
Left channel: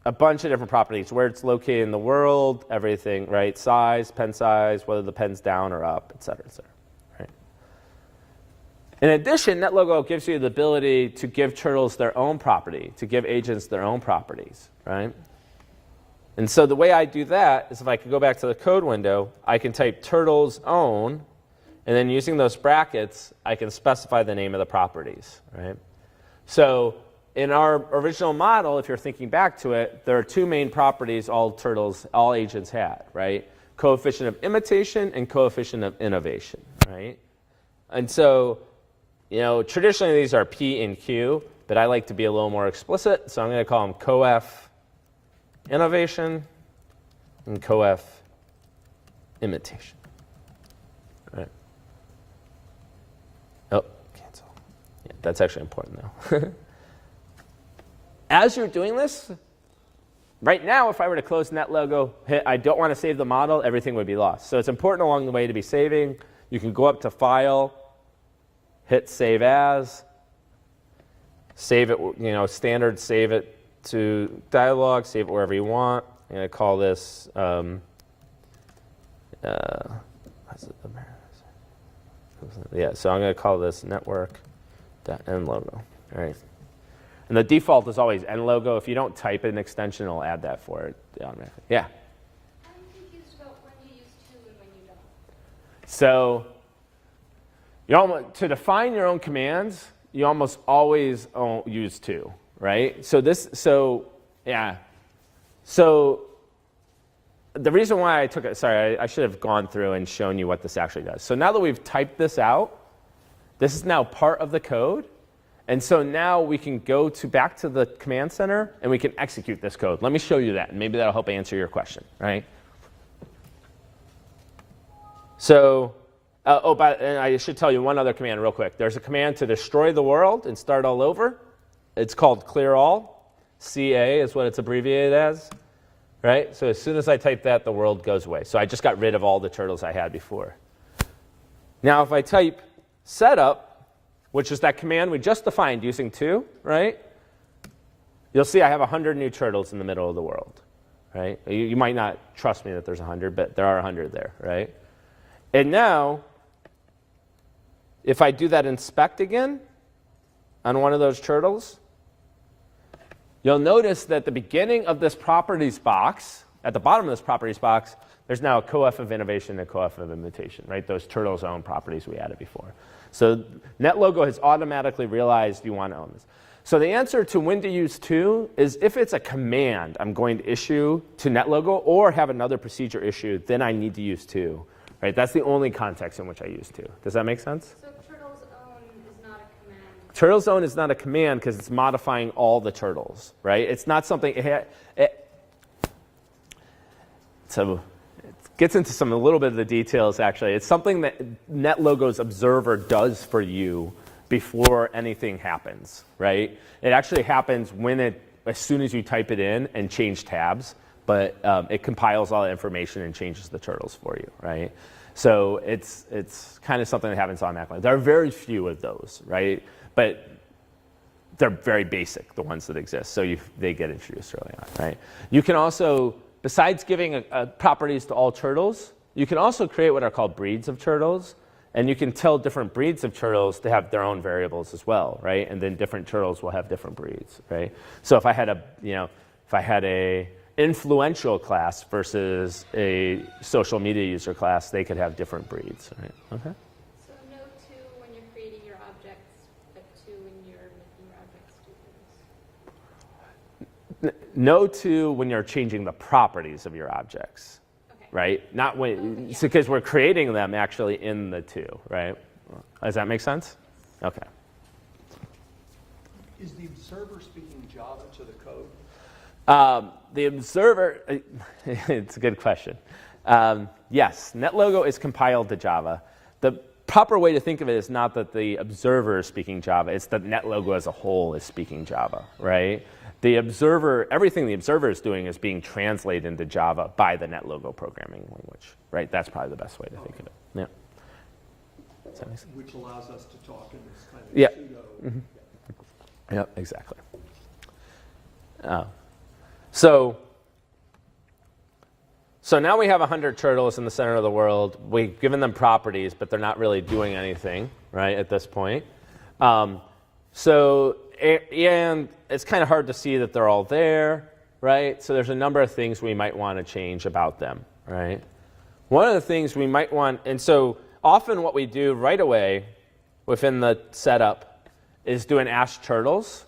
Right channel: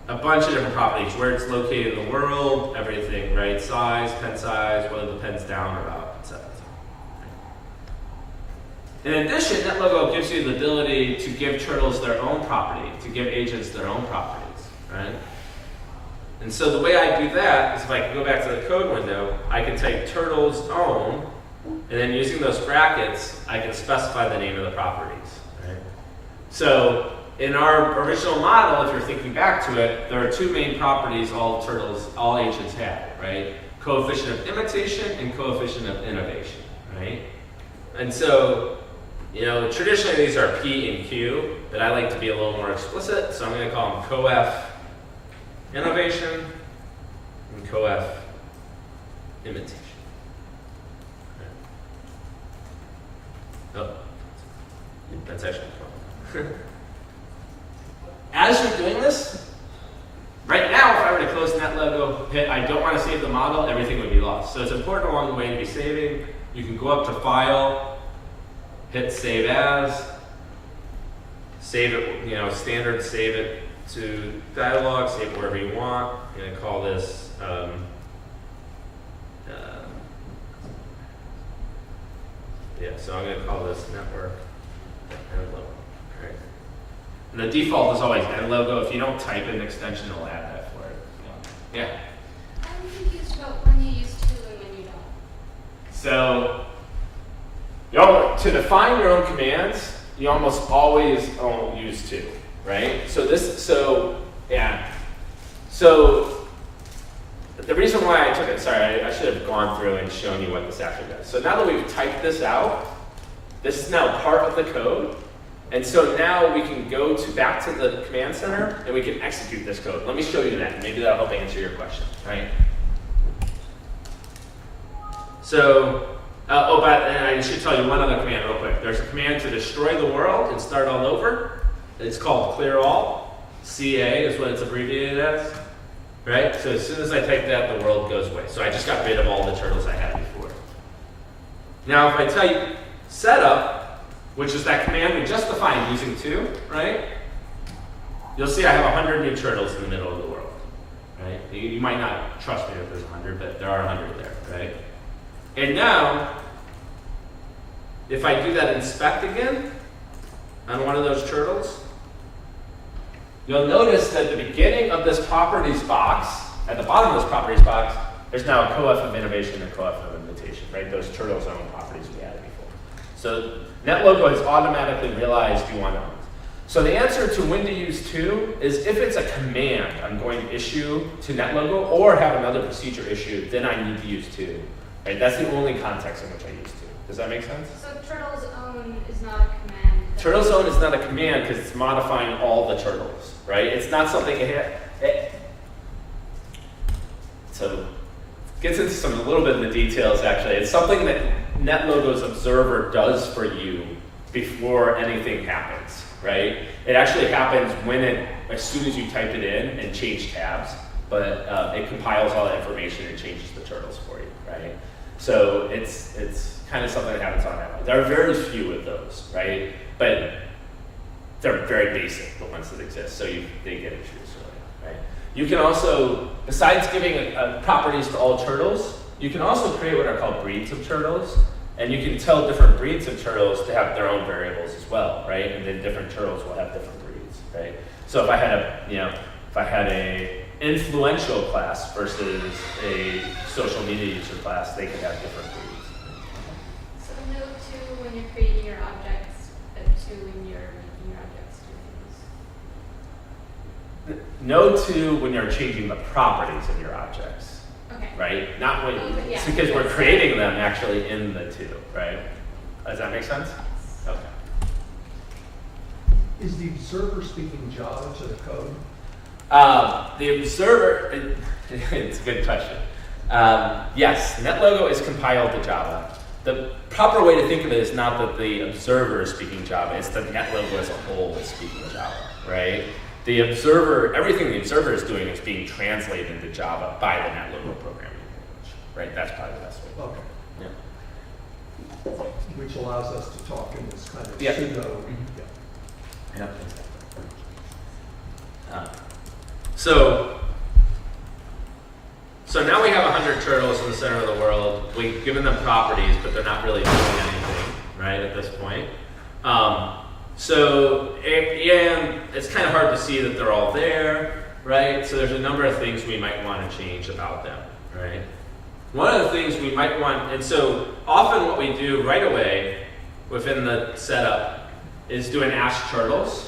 a bunch of different properties, where it's located in the world, everything, right? Size, pen size, whether the pen's down or up, etc. In addition, NetLogo gives you the ability to give turtles their own property, to give agents their own properties, right? And so the way I do that is if I go back to the code window, I can type turtle's own, and then using those brackets, I can specify the name of the properties, right? So in our original model, if you're thinking back to it, there are two main properties all agents have, right? Coefficient of imitation and coefficient of innovation, right? And so, traditionally these are P and Q, but I like to be a little more explicit, so I'm going to call them coef innovation and coef imitation. Right. Oh, yeah, that's actually important now. As you're doing this, right now, if I were to close that logo, hit I don't want to save the model, everything would be lost. So it's important along the way to be saving. You can go up to File, hit Save As, save it, standard save it to dialog, save it wherever you want. And I call this, yeah, so I'm going to call this network.end logo. All right. And the default is always end logo. If you don't type an extension, it'll add that for it. Yeah. I'm confused about when you use to and when you don't. So, to define your own commands, you almost always use to, right? So the reason why I took it, sorry, I should have gone through and shown you what this actually does. So now that we've typed this out, this is now part of the code. And so now we can go back to the command center and we can execute this code. Let me show you that. Maybe that'll help answer your question, right? So, and I should tell you one other command real quick. There's a command to destroy the world and start all over. It's called clear all. CA is what it's abbreviated as, right? So as soon as I type that, the world goes away. So I just got rid of all the turtles I had before. Now if I type setup, which is that command we just defined using to, right? You'll see I have 100 new turtles in the middle of the world, right? You might not trust me that there's 100, but there are 100 there, right? And now, if I do that inspect again on one of those turtles, you'll notice that at the beginning of this properties box, at the bottom of this properties box, there's now a coef of innovation and coef of imitation, right? Those turtle zone properties we added before. So NetLogo has automatically realized you want those. So the answer to when to use to is if it's a command I'm going to issue to NetLogo or have another procedure issued, then I need to use to. Right? That's the only context in which I use to. Does that make sense? So turtle's own is not a command. Turtle zone is not a command because it's modifying all the turtles, right? It's not something so it gets into a little bit of the details actually. It's something that NetLogo's observer does for you before anything happens, right? It actually happens as soon as you type it in and change tabs, but it compiles all that information and changes the turtles for you, right? So it's kind of something that happens on NetLogo. There are very few of those, right? But they're very basic, the ones that exist, so they get introduced early on, right? You can also, besides giving properties to all turtles, you can also create what are called breeds of turtles, and you can tell different breeds of turtles to have their own variables as well, right? And then different turtles will have different breeds, right? So if I had a influential class versus a social media user class, they could have different breeds. Right? Okay. So no to when you're creating your objects, but to when you're making your objects do things. No to when you're changing the properties of your objects, Okay. right? Not when, Okay, yeah. because we're creating them actually in the to, right? Does that make sense? Okay. Is the observer speaking Java to the code? The observer, it's a good question. Yes, NetLogo is compiled to Java. The proper way to think of it is not that the observer is speaking Java, it's that NetLogo as a whole is speaking Java, right? The observer, everything the observer is doing is being translated into Java by the NetLogo programming language, right? That's probably the best way to think of it. Yeah. Which allows us to talk in this kind of Yeah. pseudo. Mhm. Yeah. Yeah, exactly. So now we have 100 turtles in the center of the world. We've given them properties, but they're not really doing anything, right, at this point. And it's kind of hard to see that they're all there, right? So there's a number of things we might want to change about them, right? One of the things we might want, and so often what we do right away within the setup is do an ask turtles,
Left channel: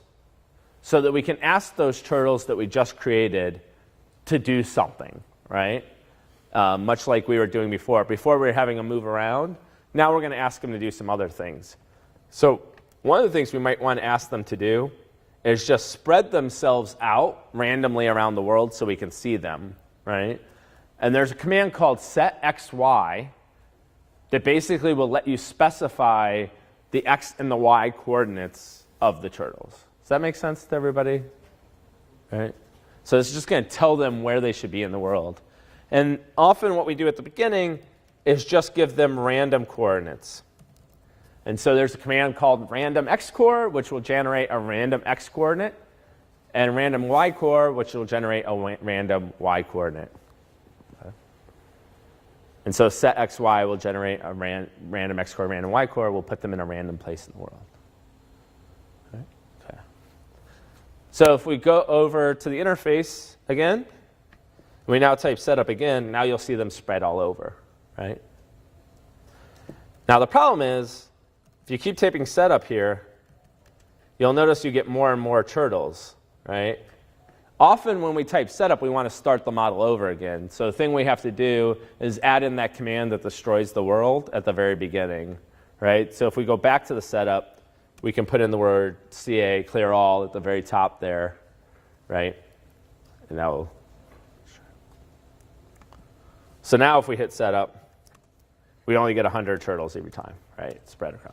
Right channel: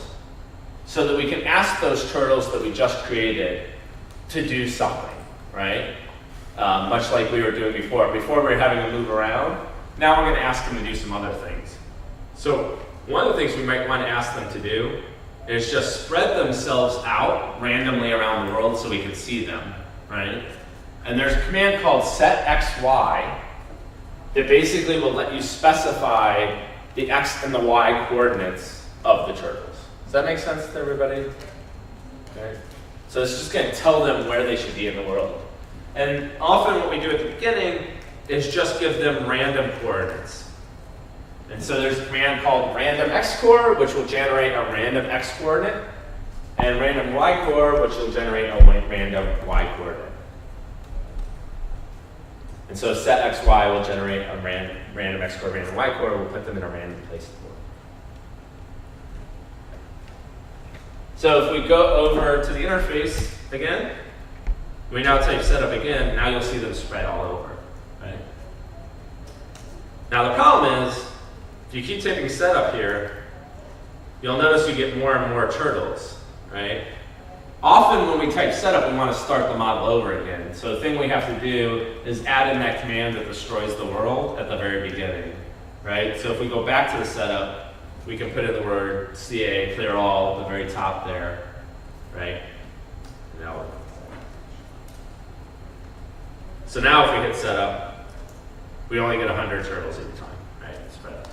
so that we can ask those turtles that we just created to do something, right? Much like we were doing before. Before we were having them move around. Now we're going to ask them to do some other things. So one of the things we might want to ask them to do is just spread themselves out randomly around the world so we can see them, right? And there's a command called setXY that basically will let you specify the x and the y coordinates of the turtles. Does that make sense to everybody? All right. So it's just going to tell them where they should be in the world. And often what we do at the beginning is just give them random coordinates. And so there's a command called random x-core, which will generate a random x coordinate, and random y-core, which will generate a random y coordinate. And so set xy will generate a random x-core, random y-core. We'll put them in a random place in the world. Okay. So if we go over to the interface again, we now type setup again. Now you'll see them spread all over, right? Now the problem is, if you keep typing setup here, you'll notice you get more and more turtles, right? Often when we type setup, we want to start the model over again. So the thing we have to do is add in that command that destroys the world at the very beginning, right? So if we go back to the setup, we can put in the word CA, clear all, at the very top there, right? And that will. So now if we hit setup, we only get 100 turtles at a time, right? Spread across.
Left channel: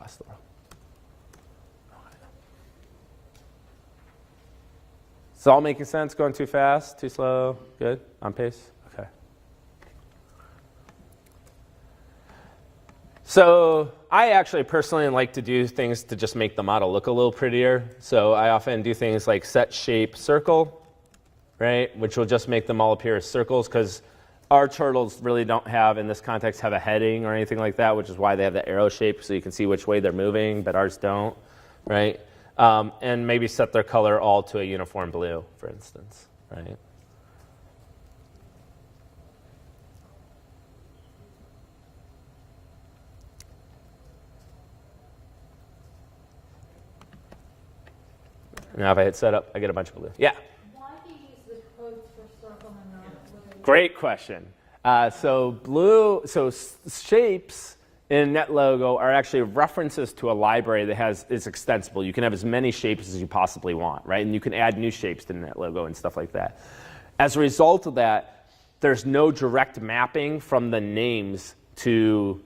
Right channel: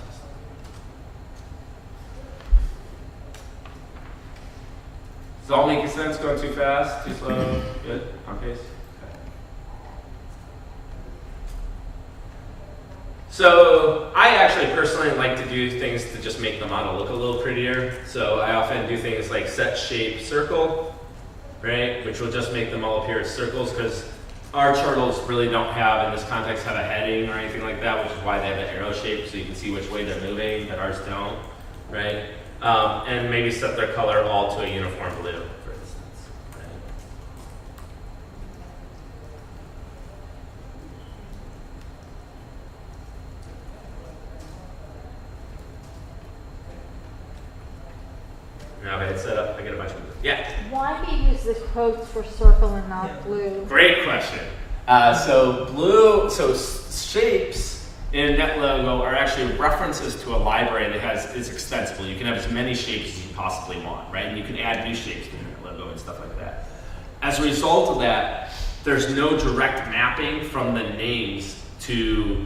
Does it all make sense? Going too fast? Too slow? Good? On pace? Okay. So I actually personally like to do things to just make the model look a little prettier. So I often do things like set shape circle, right? Which will just make them all appear as circles, because our turtles really don't have, in this context, have a heading or anything like that, which is why they have the arrow shape, so you can see which way they're moving, but ours don't, right? And maybe set their color all to a uniform blue, for instance, right? Now if I hit setup, I get a bunch of blue. Yeah? Why do you use the quotes for circle and not blue? Great question. So shapes in NetLogo are actually references to a library that is extensible. You can have as many shapes as you possibly want, right? And you can add new shapes in NetLogo and stuff like that. As a result of that, there's no direct mapping from the names to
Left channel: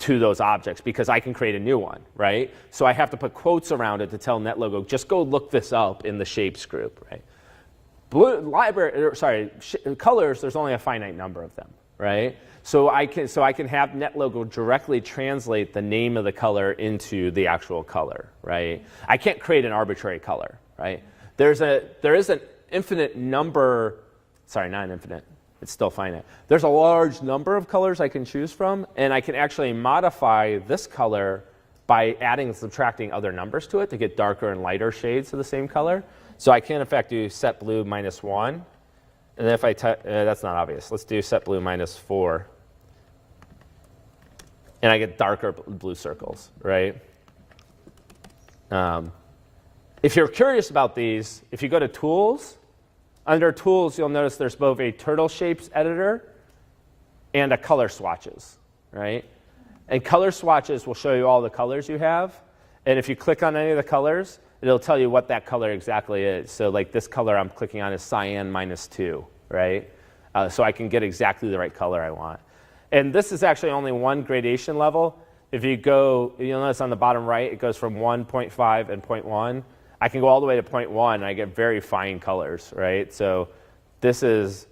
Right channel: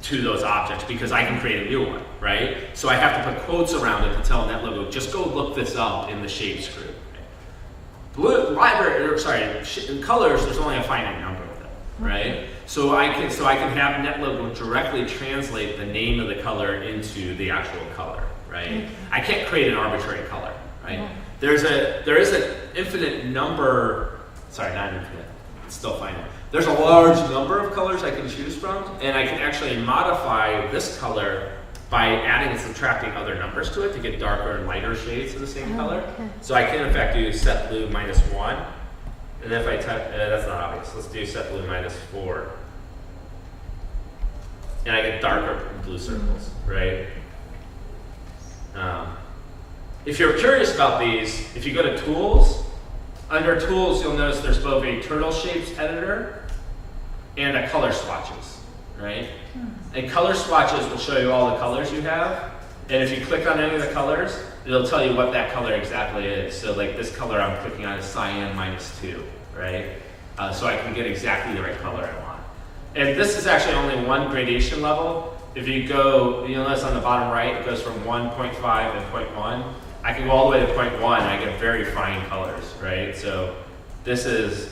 those objects, because I can create a new one, right? So I have to put quotes around it to tell NetLogo, just go look this up in the shapes group. Right? In colors, there's only a finite number of them, right? So I can have NetLogo directly translate the name of the color into the actual color, right? I can't create an arbitrary color, right? There is an infinite number, sorry, not infinite, it's still finite. There's a large number of colors I can choose from, and I can actually modify this color by adding and subtracting other numbers to it to get darker and lighter shades of the same color. So I can in fact do set blue -1, and then if I type, that's not obvious, let's do set blue -4. And I get darker blue circles, right? If you're curious about these, if you go to Tools, under Tools, you'll notice there's both a Turtle Shapes editor and a Color Swatches, right? And Color Swatches will show you all the colors you have. And if you click on any of the colors, it'll tell you what that color exactly is. So like this color I'm clicking on is cyan -2, right? So I can get exactly the right color I want. And this is actually only one gradation level. If you go, you'll notice on the bottom right, it goes from 1, 0.5, and 0.1. I can go all the way to 0.1, and I get very fine colors, right? So this is,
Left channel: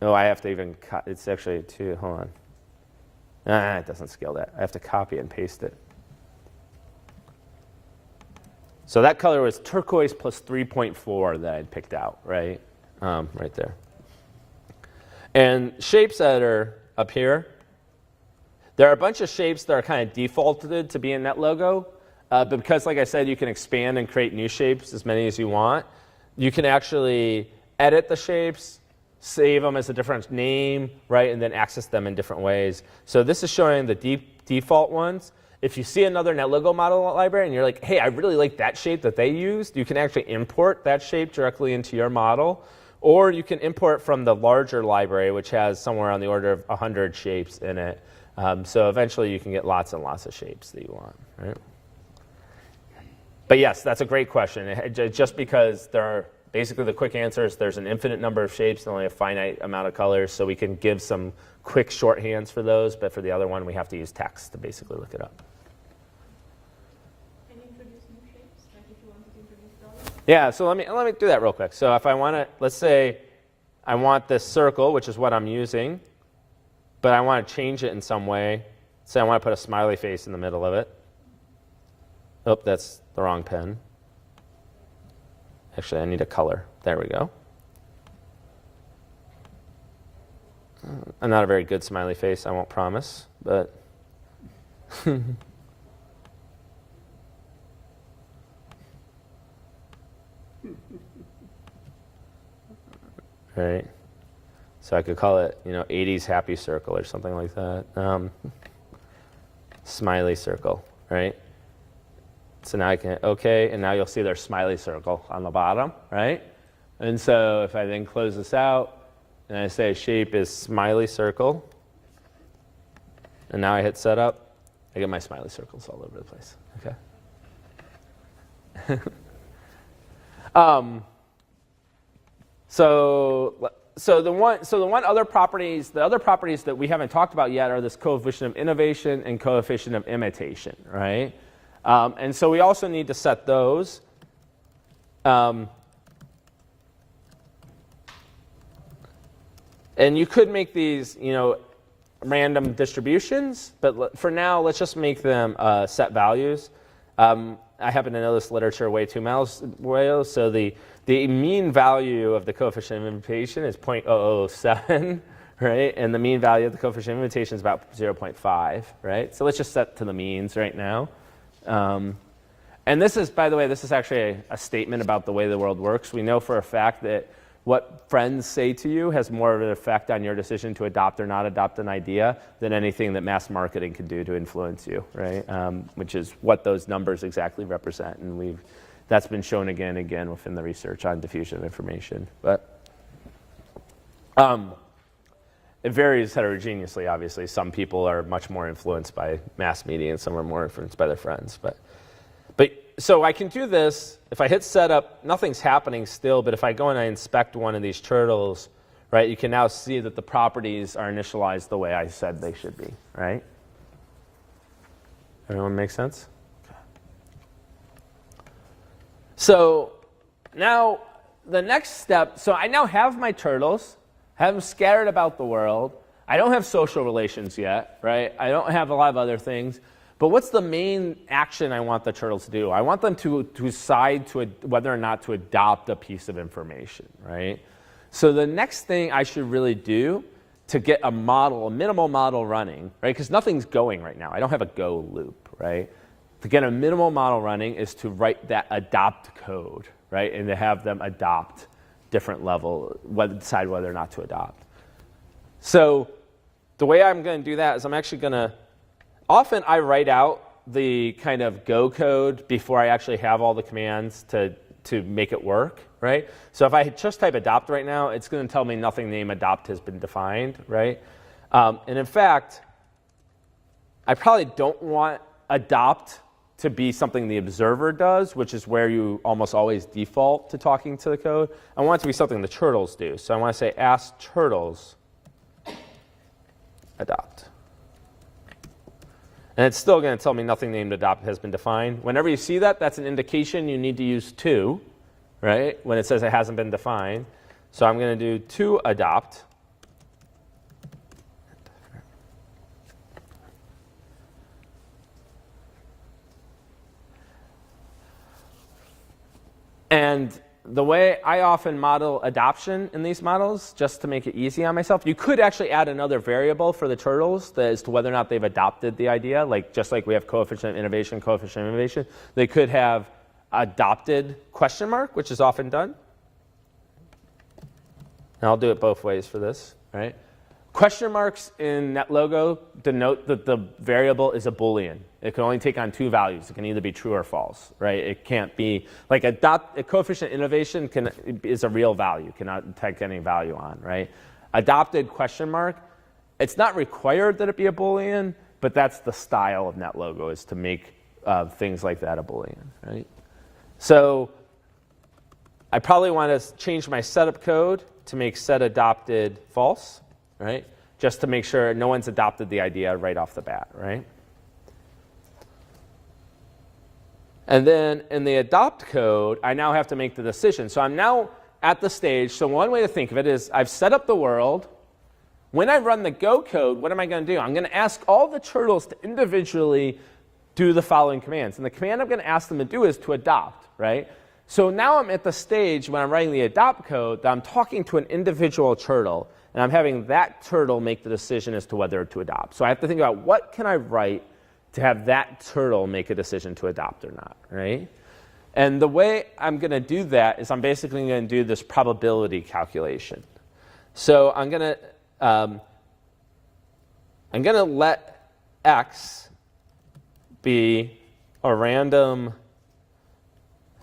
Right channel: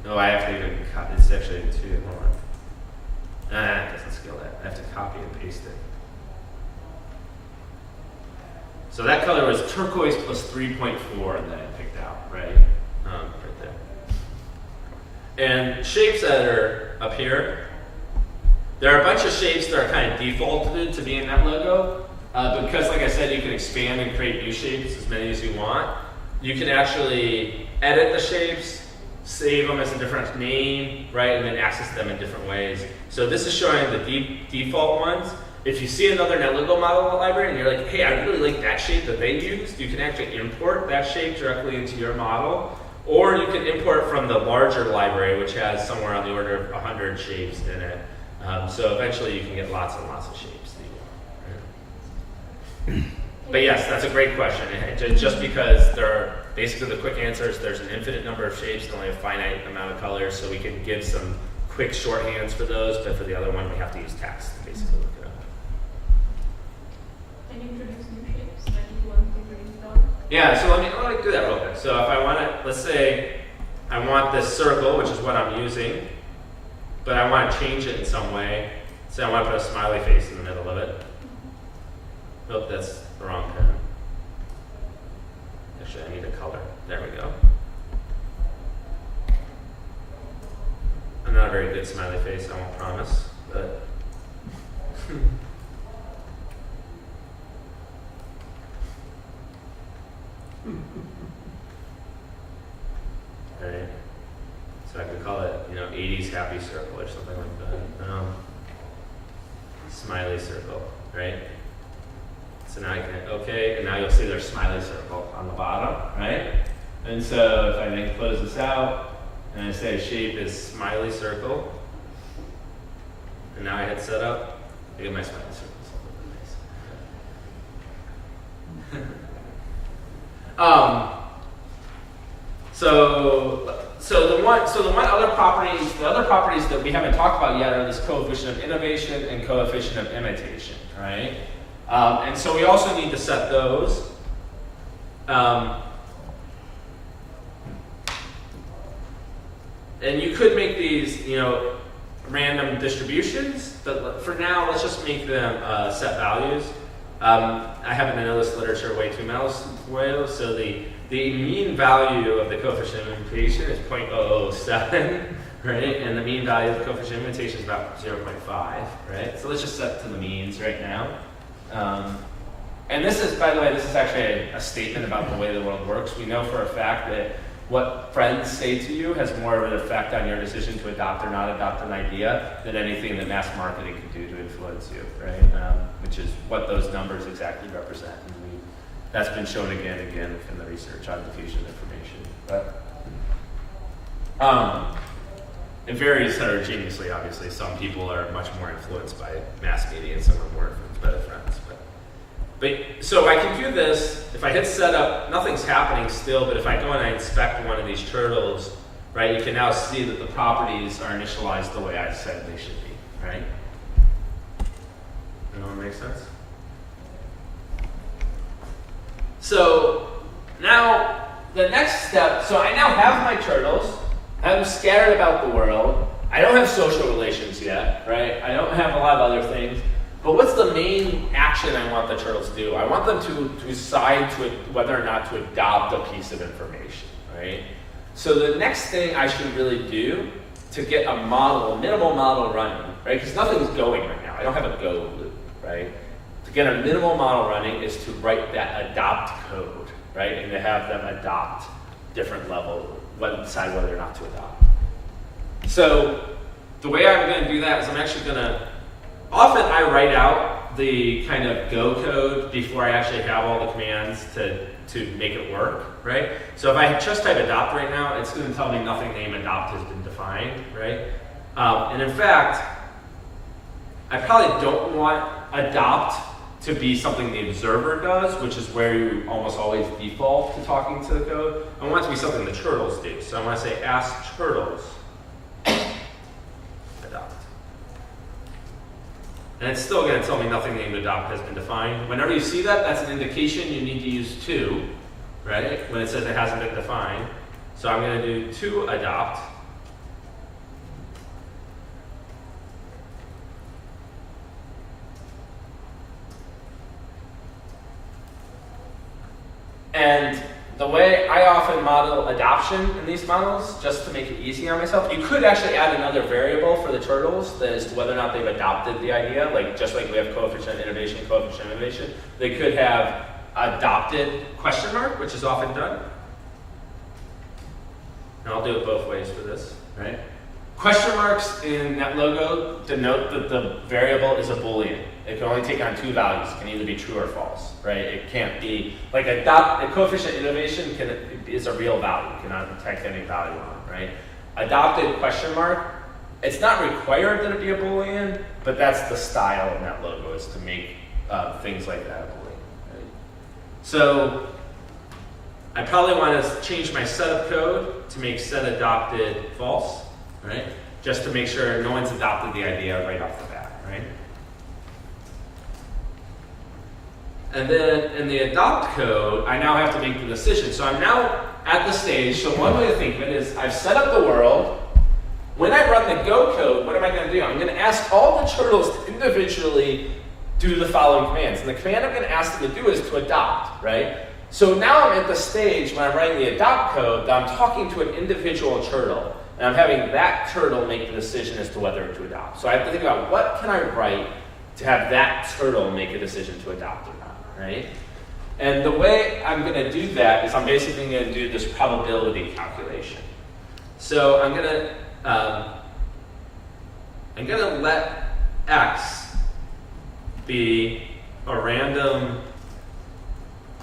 no, I have to even, it's actually 2, hold on. It doesn't scale that. I have to copy and paste it. So that color was turquoise plus 3.4 that I picked out, right? Right there. And Shapes Editor up here, there are a bunch of shapes that are kind of defaulted to be in NetLogo. But because, like I said, you can expand and create new shapes, as many as you want. You can actually edit the shapes, save them as a different name, right, and then access them in different ways. So this is showing the default ones. If you see another NetLogo model in the library and you're like, hey, I really like that shape that they used, you can actually import that shape directly into your model. Or you can import from the larger library, which has somewhere on the order of 100 shapes in it. So eventually you can get lots and lots of shapes that you want, right? But yes, that's a great question. Just because basically the quick answer is there's an infinite number of shapes and only a finite amount of colors, so we can give some quick shorthands for those, but for the other one we have to use text to basically look it up. Can you introduce new shapes that you want to introduce now? Yeah, so let me do that real quick. So if I want to, let's say I want this circle, which is what I'm using, but I want to change it in some way. So I want to put a smiley face in the middle of it. Oh, that's the wrong pen. Actually, I need a color. There we go. I'm not a very good smiley face, I won't promise, but right. So I could call it, 80s happy circle or something like that. Smiley circle, right? So now I can hit OK, and now you'll see there's smiley circle on the bottom, right? And so if I then close this out, and I say shape is smiley circle, and now I hit setup, I get my smiley circles all over the place. Okay. So the other properties that we haven't talked about yet are this coefficient of innovation and coefficient of imitation, right? And so we also need to set those. And you could make these, random distributions, but for now, let's just make them set values. I haven't known this literature way too well, so the mean value of the coefficient of imitation is 0.007, right? And the mean value of the coefficient of imitation is about 0.5, right? So let's just set it to the means right now. And this is, by the way, this is actually a statement about the way the world works. We know for a fact that what friends say to you has more of an effect on your decision to adopt or not adopt an idea than anything that mass marketing can do to influence you, right? Which is what those numbers exactly represent. And that's been shown again and again within the research on diffusion of information. But it varies heterogeneously, obviously. Some people are much more influenced by mass media and some are more influenced by their friends. But so I can do this. If I hit setup, nothing's happening still, but if I go and I inspect one of these turtles, right, you can now see that the properties are initialized the way I said they should be, right? Everyone make sense? So now the next step, so I now have my turtles, have them scattered about the world. I don't have social relations yet, right? I don't have a lot of other things. But what's the main action I want the turtles to do? I want them to decide whether or not to adopt a piece of information, right? So the next thing I should really do to get a minimal model running, right? Because nothing's going right now. I don't have a go loop, right? To get a minimal model running is to write that adopt code, right? And to have them adopt different level, decide whether or not to adopt. So the way I'm going to do that is I'm actually going to often I write out the kind of Go code before I actually have all the commands to make it work, right? So if I just type adopt right now, it's going to tell me nothing named adopt has been defined, right? And in fact, I probably don't want adopt to be something the observer does, which is where you almost always default to talking to the code. I want it to be something the turtles do. So I want to say ask turtles adopt. And it's still going to tell me nothing named adopt has been defined. Whenever you see that, that's an indication you need to use to, right? When it says it hasn't been defined. So I'm going to do to adopt. And the way I often model adoption in these models, just to make it easy on myself, you could actually add another variable for the turtles that is whether or not they've adopted the idea, just like we have coefficient of innovation, they could have adopted question mark, which is often done. And I'll do it both ways for this, right? Question marks in NetLogo denote that the variable is a Boolean. It can only take on two values. It can either be true or false, right? It can't be, like a coefficient innovation is a real value, cannot detect any value on it, right? Adopted question mark, it's not required that it be a Boolean, but that's the style of NetLogo, is to make things like that a Boolean, right? So I probably want to change my setup code to make set adopted false, right? Just to make sure no one's adopted the idea right off the bat, right? And then in the adopt code, I now have to make the decision. So I'm now at the stage, so one way to think of it is I've set up the world. When I run the go code, what am I going to do? I'm going to ask all the turtles to individually do the following commands. And the command I'm going to ask them to do is to adopt, right? So now I'm at the stage when I'm writing the adopt code that I'm talking to an individual turtle. And I'm having that turtle make the decision as to whether to adopt. So I have to think about what can I write to have that turtle make a decision to adopt or not, right? And the way I'm going to do that is I'm basically going to do this probability calculation. So I'm going to let X be a random,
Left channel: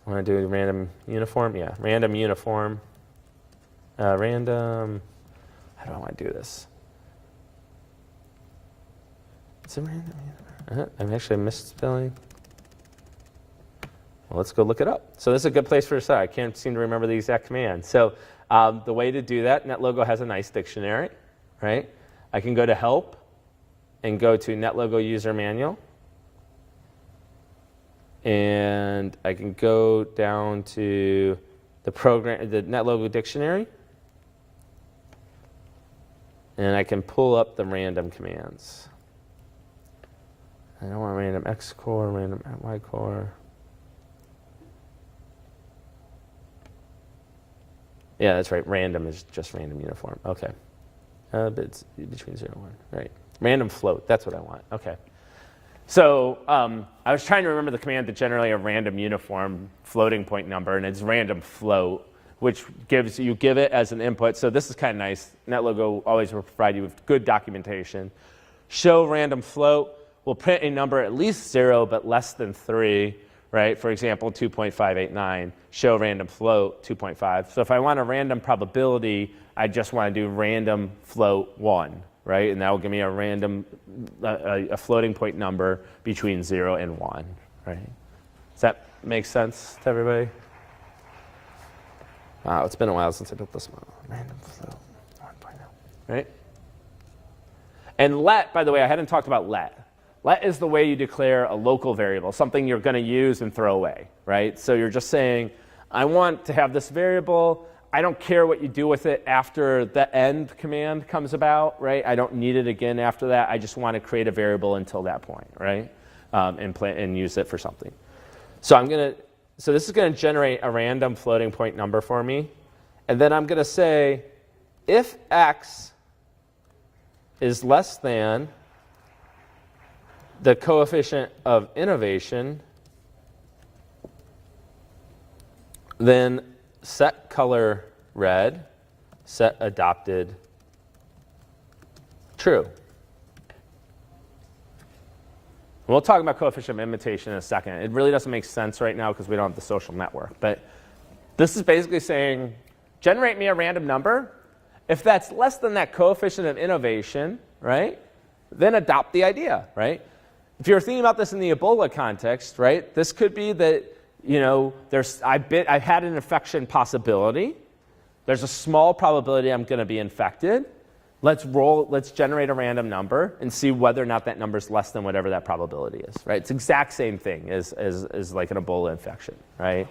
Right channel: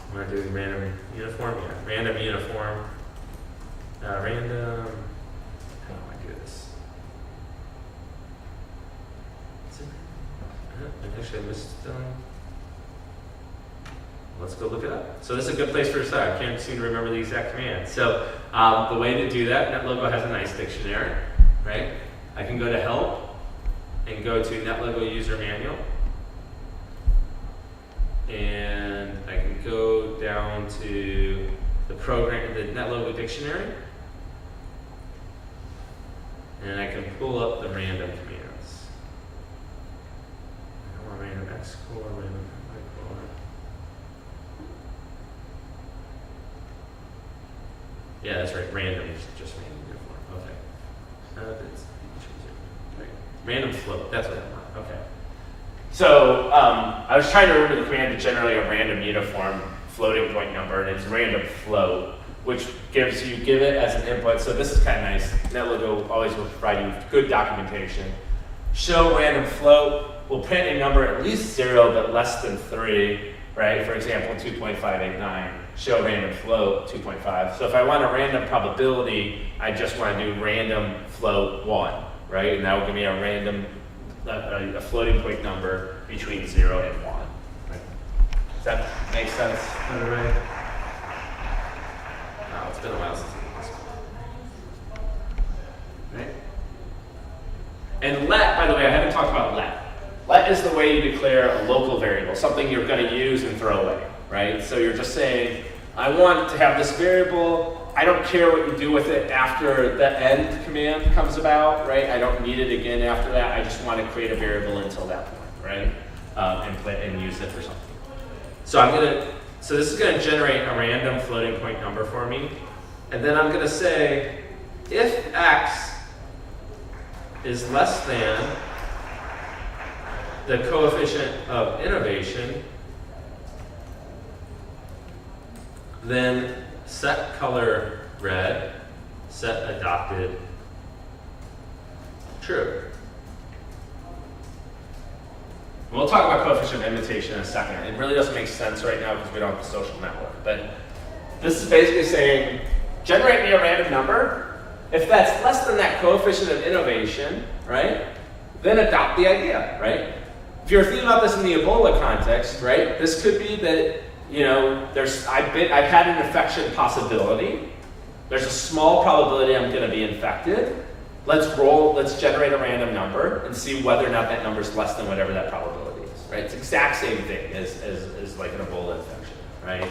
I'm going to do random uniform, yeah, random uniform, random, how do I do this? Is it random? I'm actually misspelling. Well, let's go look it up. So this is a good place for a start. I can't seem to remember the exact command. So the way to do that, NetLogo has a nice dictionary, right? I can go to help and go to NetLogo user manual. And I can go down to the program, the NetLogo dictionary. And I can pull up the random commands. I don't want random X core, random Y core. Yeah, that's right. Random is just random uniform. Okay. Bits between 0 and 1. Right. Random float. That's what I want. Okay. So I was trying to remember the command to generate a random uniform floating point number, and it's random float, which give it as an input. So this is kind of nice. NetLogo always will provide you good documentation. Show random float will print a number at least 0 but less than 3. Right? For example, 2.589, show random float 2.5. So if I want a random probability, I just want to do random float 1, right? And that will give me a random, a floating point number between 0 and 1, right? Does that make sense to everybody? Wow, it's been a while since I did this one. Right? And let, by the way, I haven't talked about let. Let is the way you declare a local variable, something you're going to use and throw away, right? So you're just saying, I want to have this variable. I don't care what you do with it after the end command comes about, right? I don't need it again after that. I just want to create a variable until that point, right? And use it for something. So so this is going to generate a random floating point number for me. And then I'm going to say, if X is less than the coefficient of innovation, then set color red, set adopted true. We'll talk about coefficient of invitation in a second. It really doesn't make sense right now because we don't have the social network. But this is basically saying, generate me a random number. If that's less than that coefficient of innovation, right, then adopt the idea, right? If you're thinking about this in the Ebola context, right, this could be that, I've had an infection possibility. There's a small probability I'm going to be infected. Let's generate a random number and see whether or not that number is less than whatever that probability is, right? It's the exact same thing as like an Ebola infection, right?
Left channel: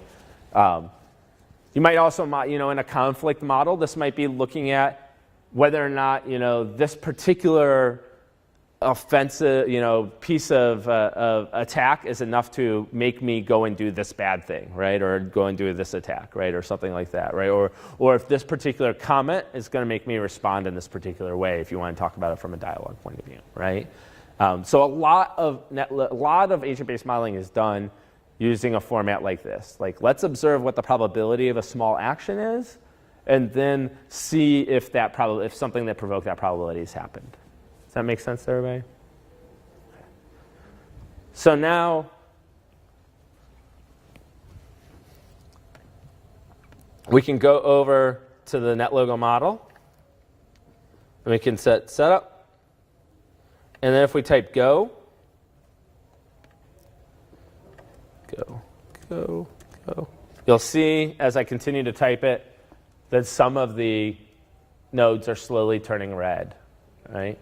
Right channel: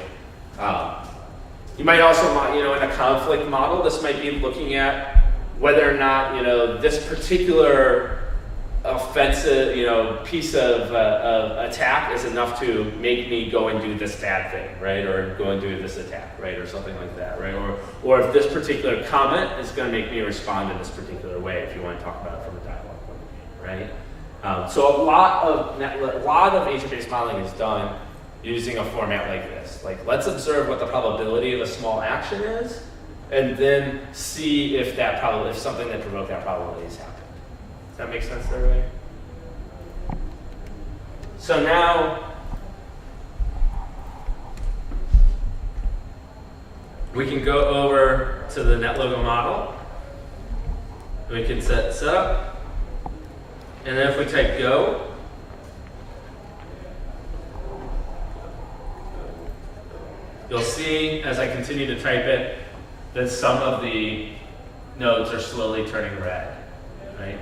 You might also want, in a conflict model, this might be looking at whether or not, this particular offensive, piece of attack is enough to make me go and do this bad thing, right? Or go and do this attack, right? Or something like that, right? Or if this particular comment is going to make me respond in this particular way, if you want to talk about it from a dialogue point of view, right? So a lot of agent-based modeling is done using a format like this. Like, let's observe what the probability of a small action is, and then see if something that provoked that probability has happened. Does that make sense to everybody? So now we can go over to the NetLogo model. We can set setup. And then if we type go, you'll see as I continue to type it that some of the nodes are slowly turning red, right?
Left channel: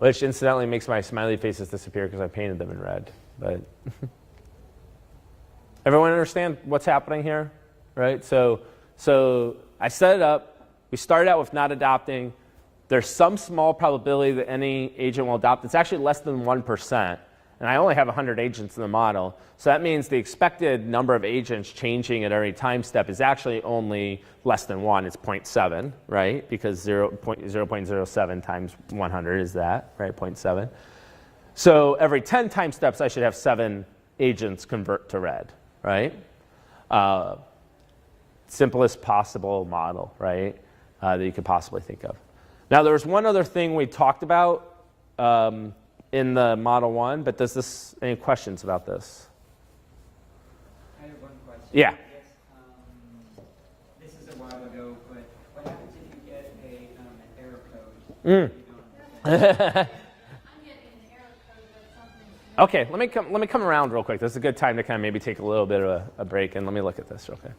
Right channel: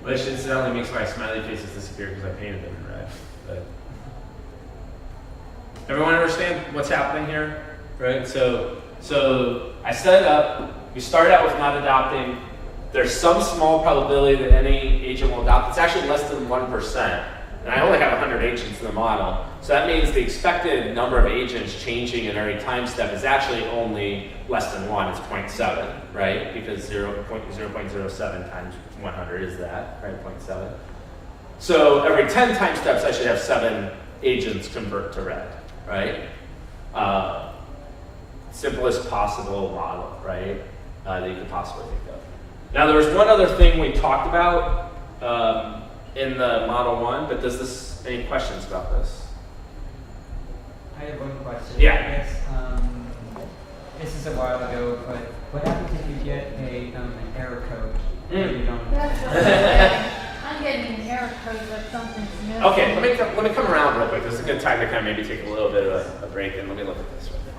Which incidentally makes my smiley faces disappear because I painted them in red. But everyone understand what's happening here, right? So I set it up. We start out with not adopting. There's some small probability that any agent will adopt. It's actually less than 1%. And I only have 100 agents in the model. So that means the expected number of agents changing at every time step is actually only less than 1. It's 0.7, right? Because 0.07 times 100 is that, right? 0.7. So every 10 time steps, I should have 7 agents convert to red, right? Simplest possible model, right? That you could possibly think of. Now, there's one other thing we talked about in the Model 1, but any questions about this? I have one question. Yeah. I guess, this is a while ago, but what happens if you get an error code? Mm. You don't. That's what I'm saying. I'm getting an error code that something's missing. Okay, let me come around real quick. This is a good time to kind of maybe take a little bit of a break and let me look at this real quick.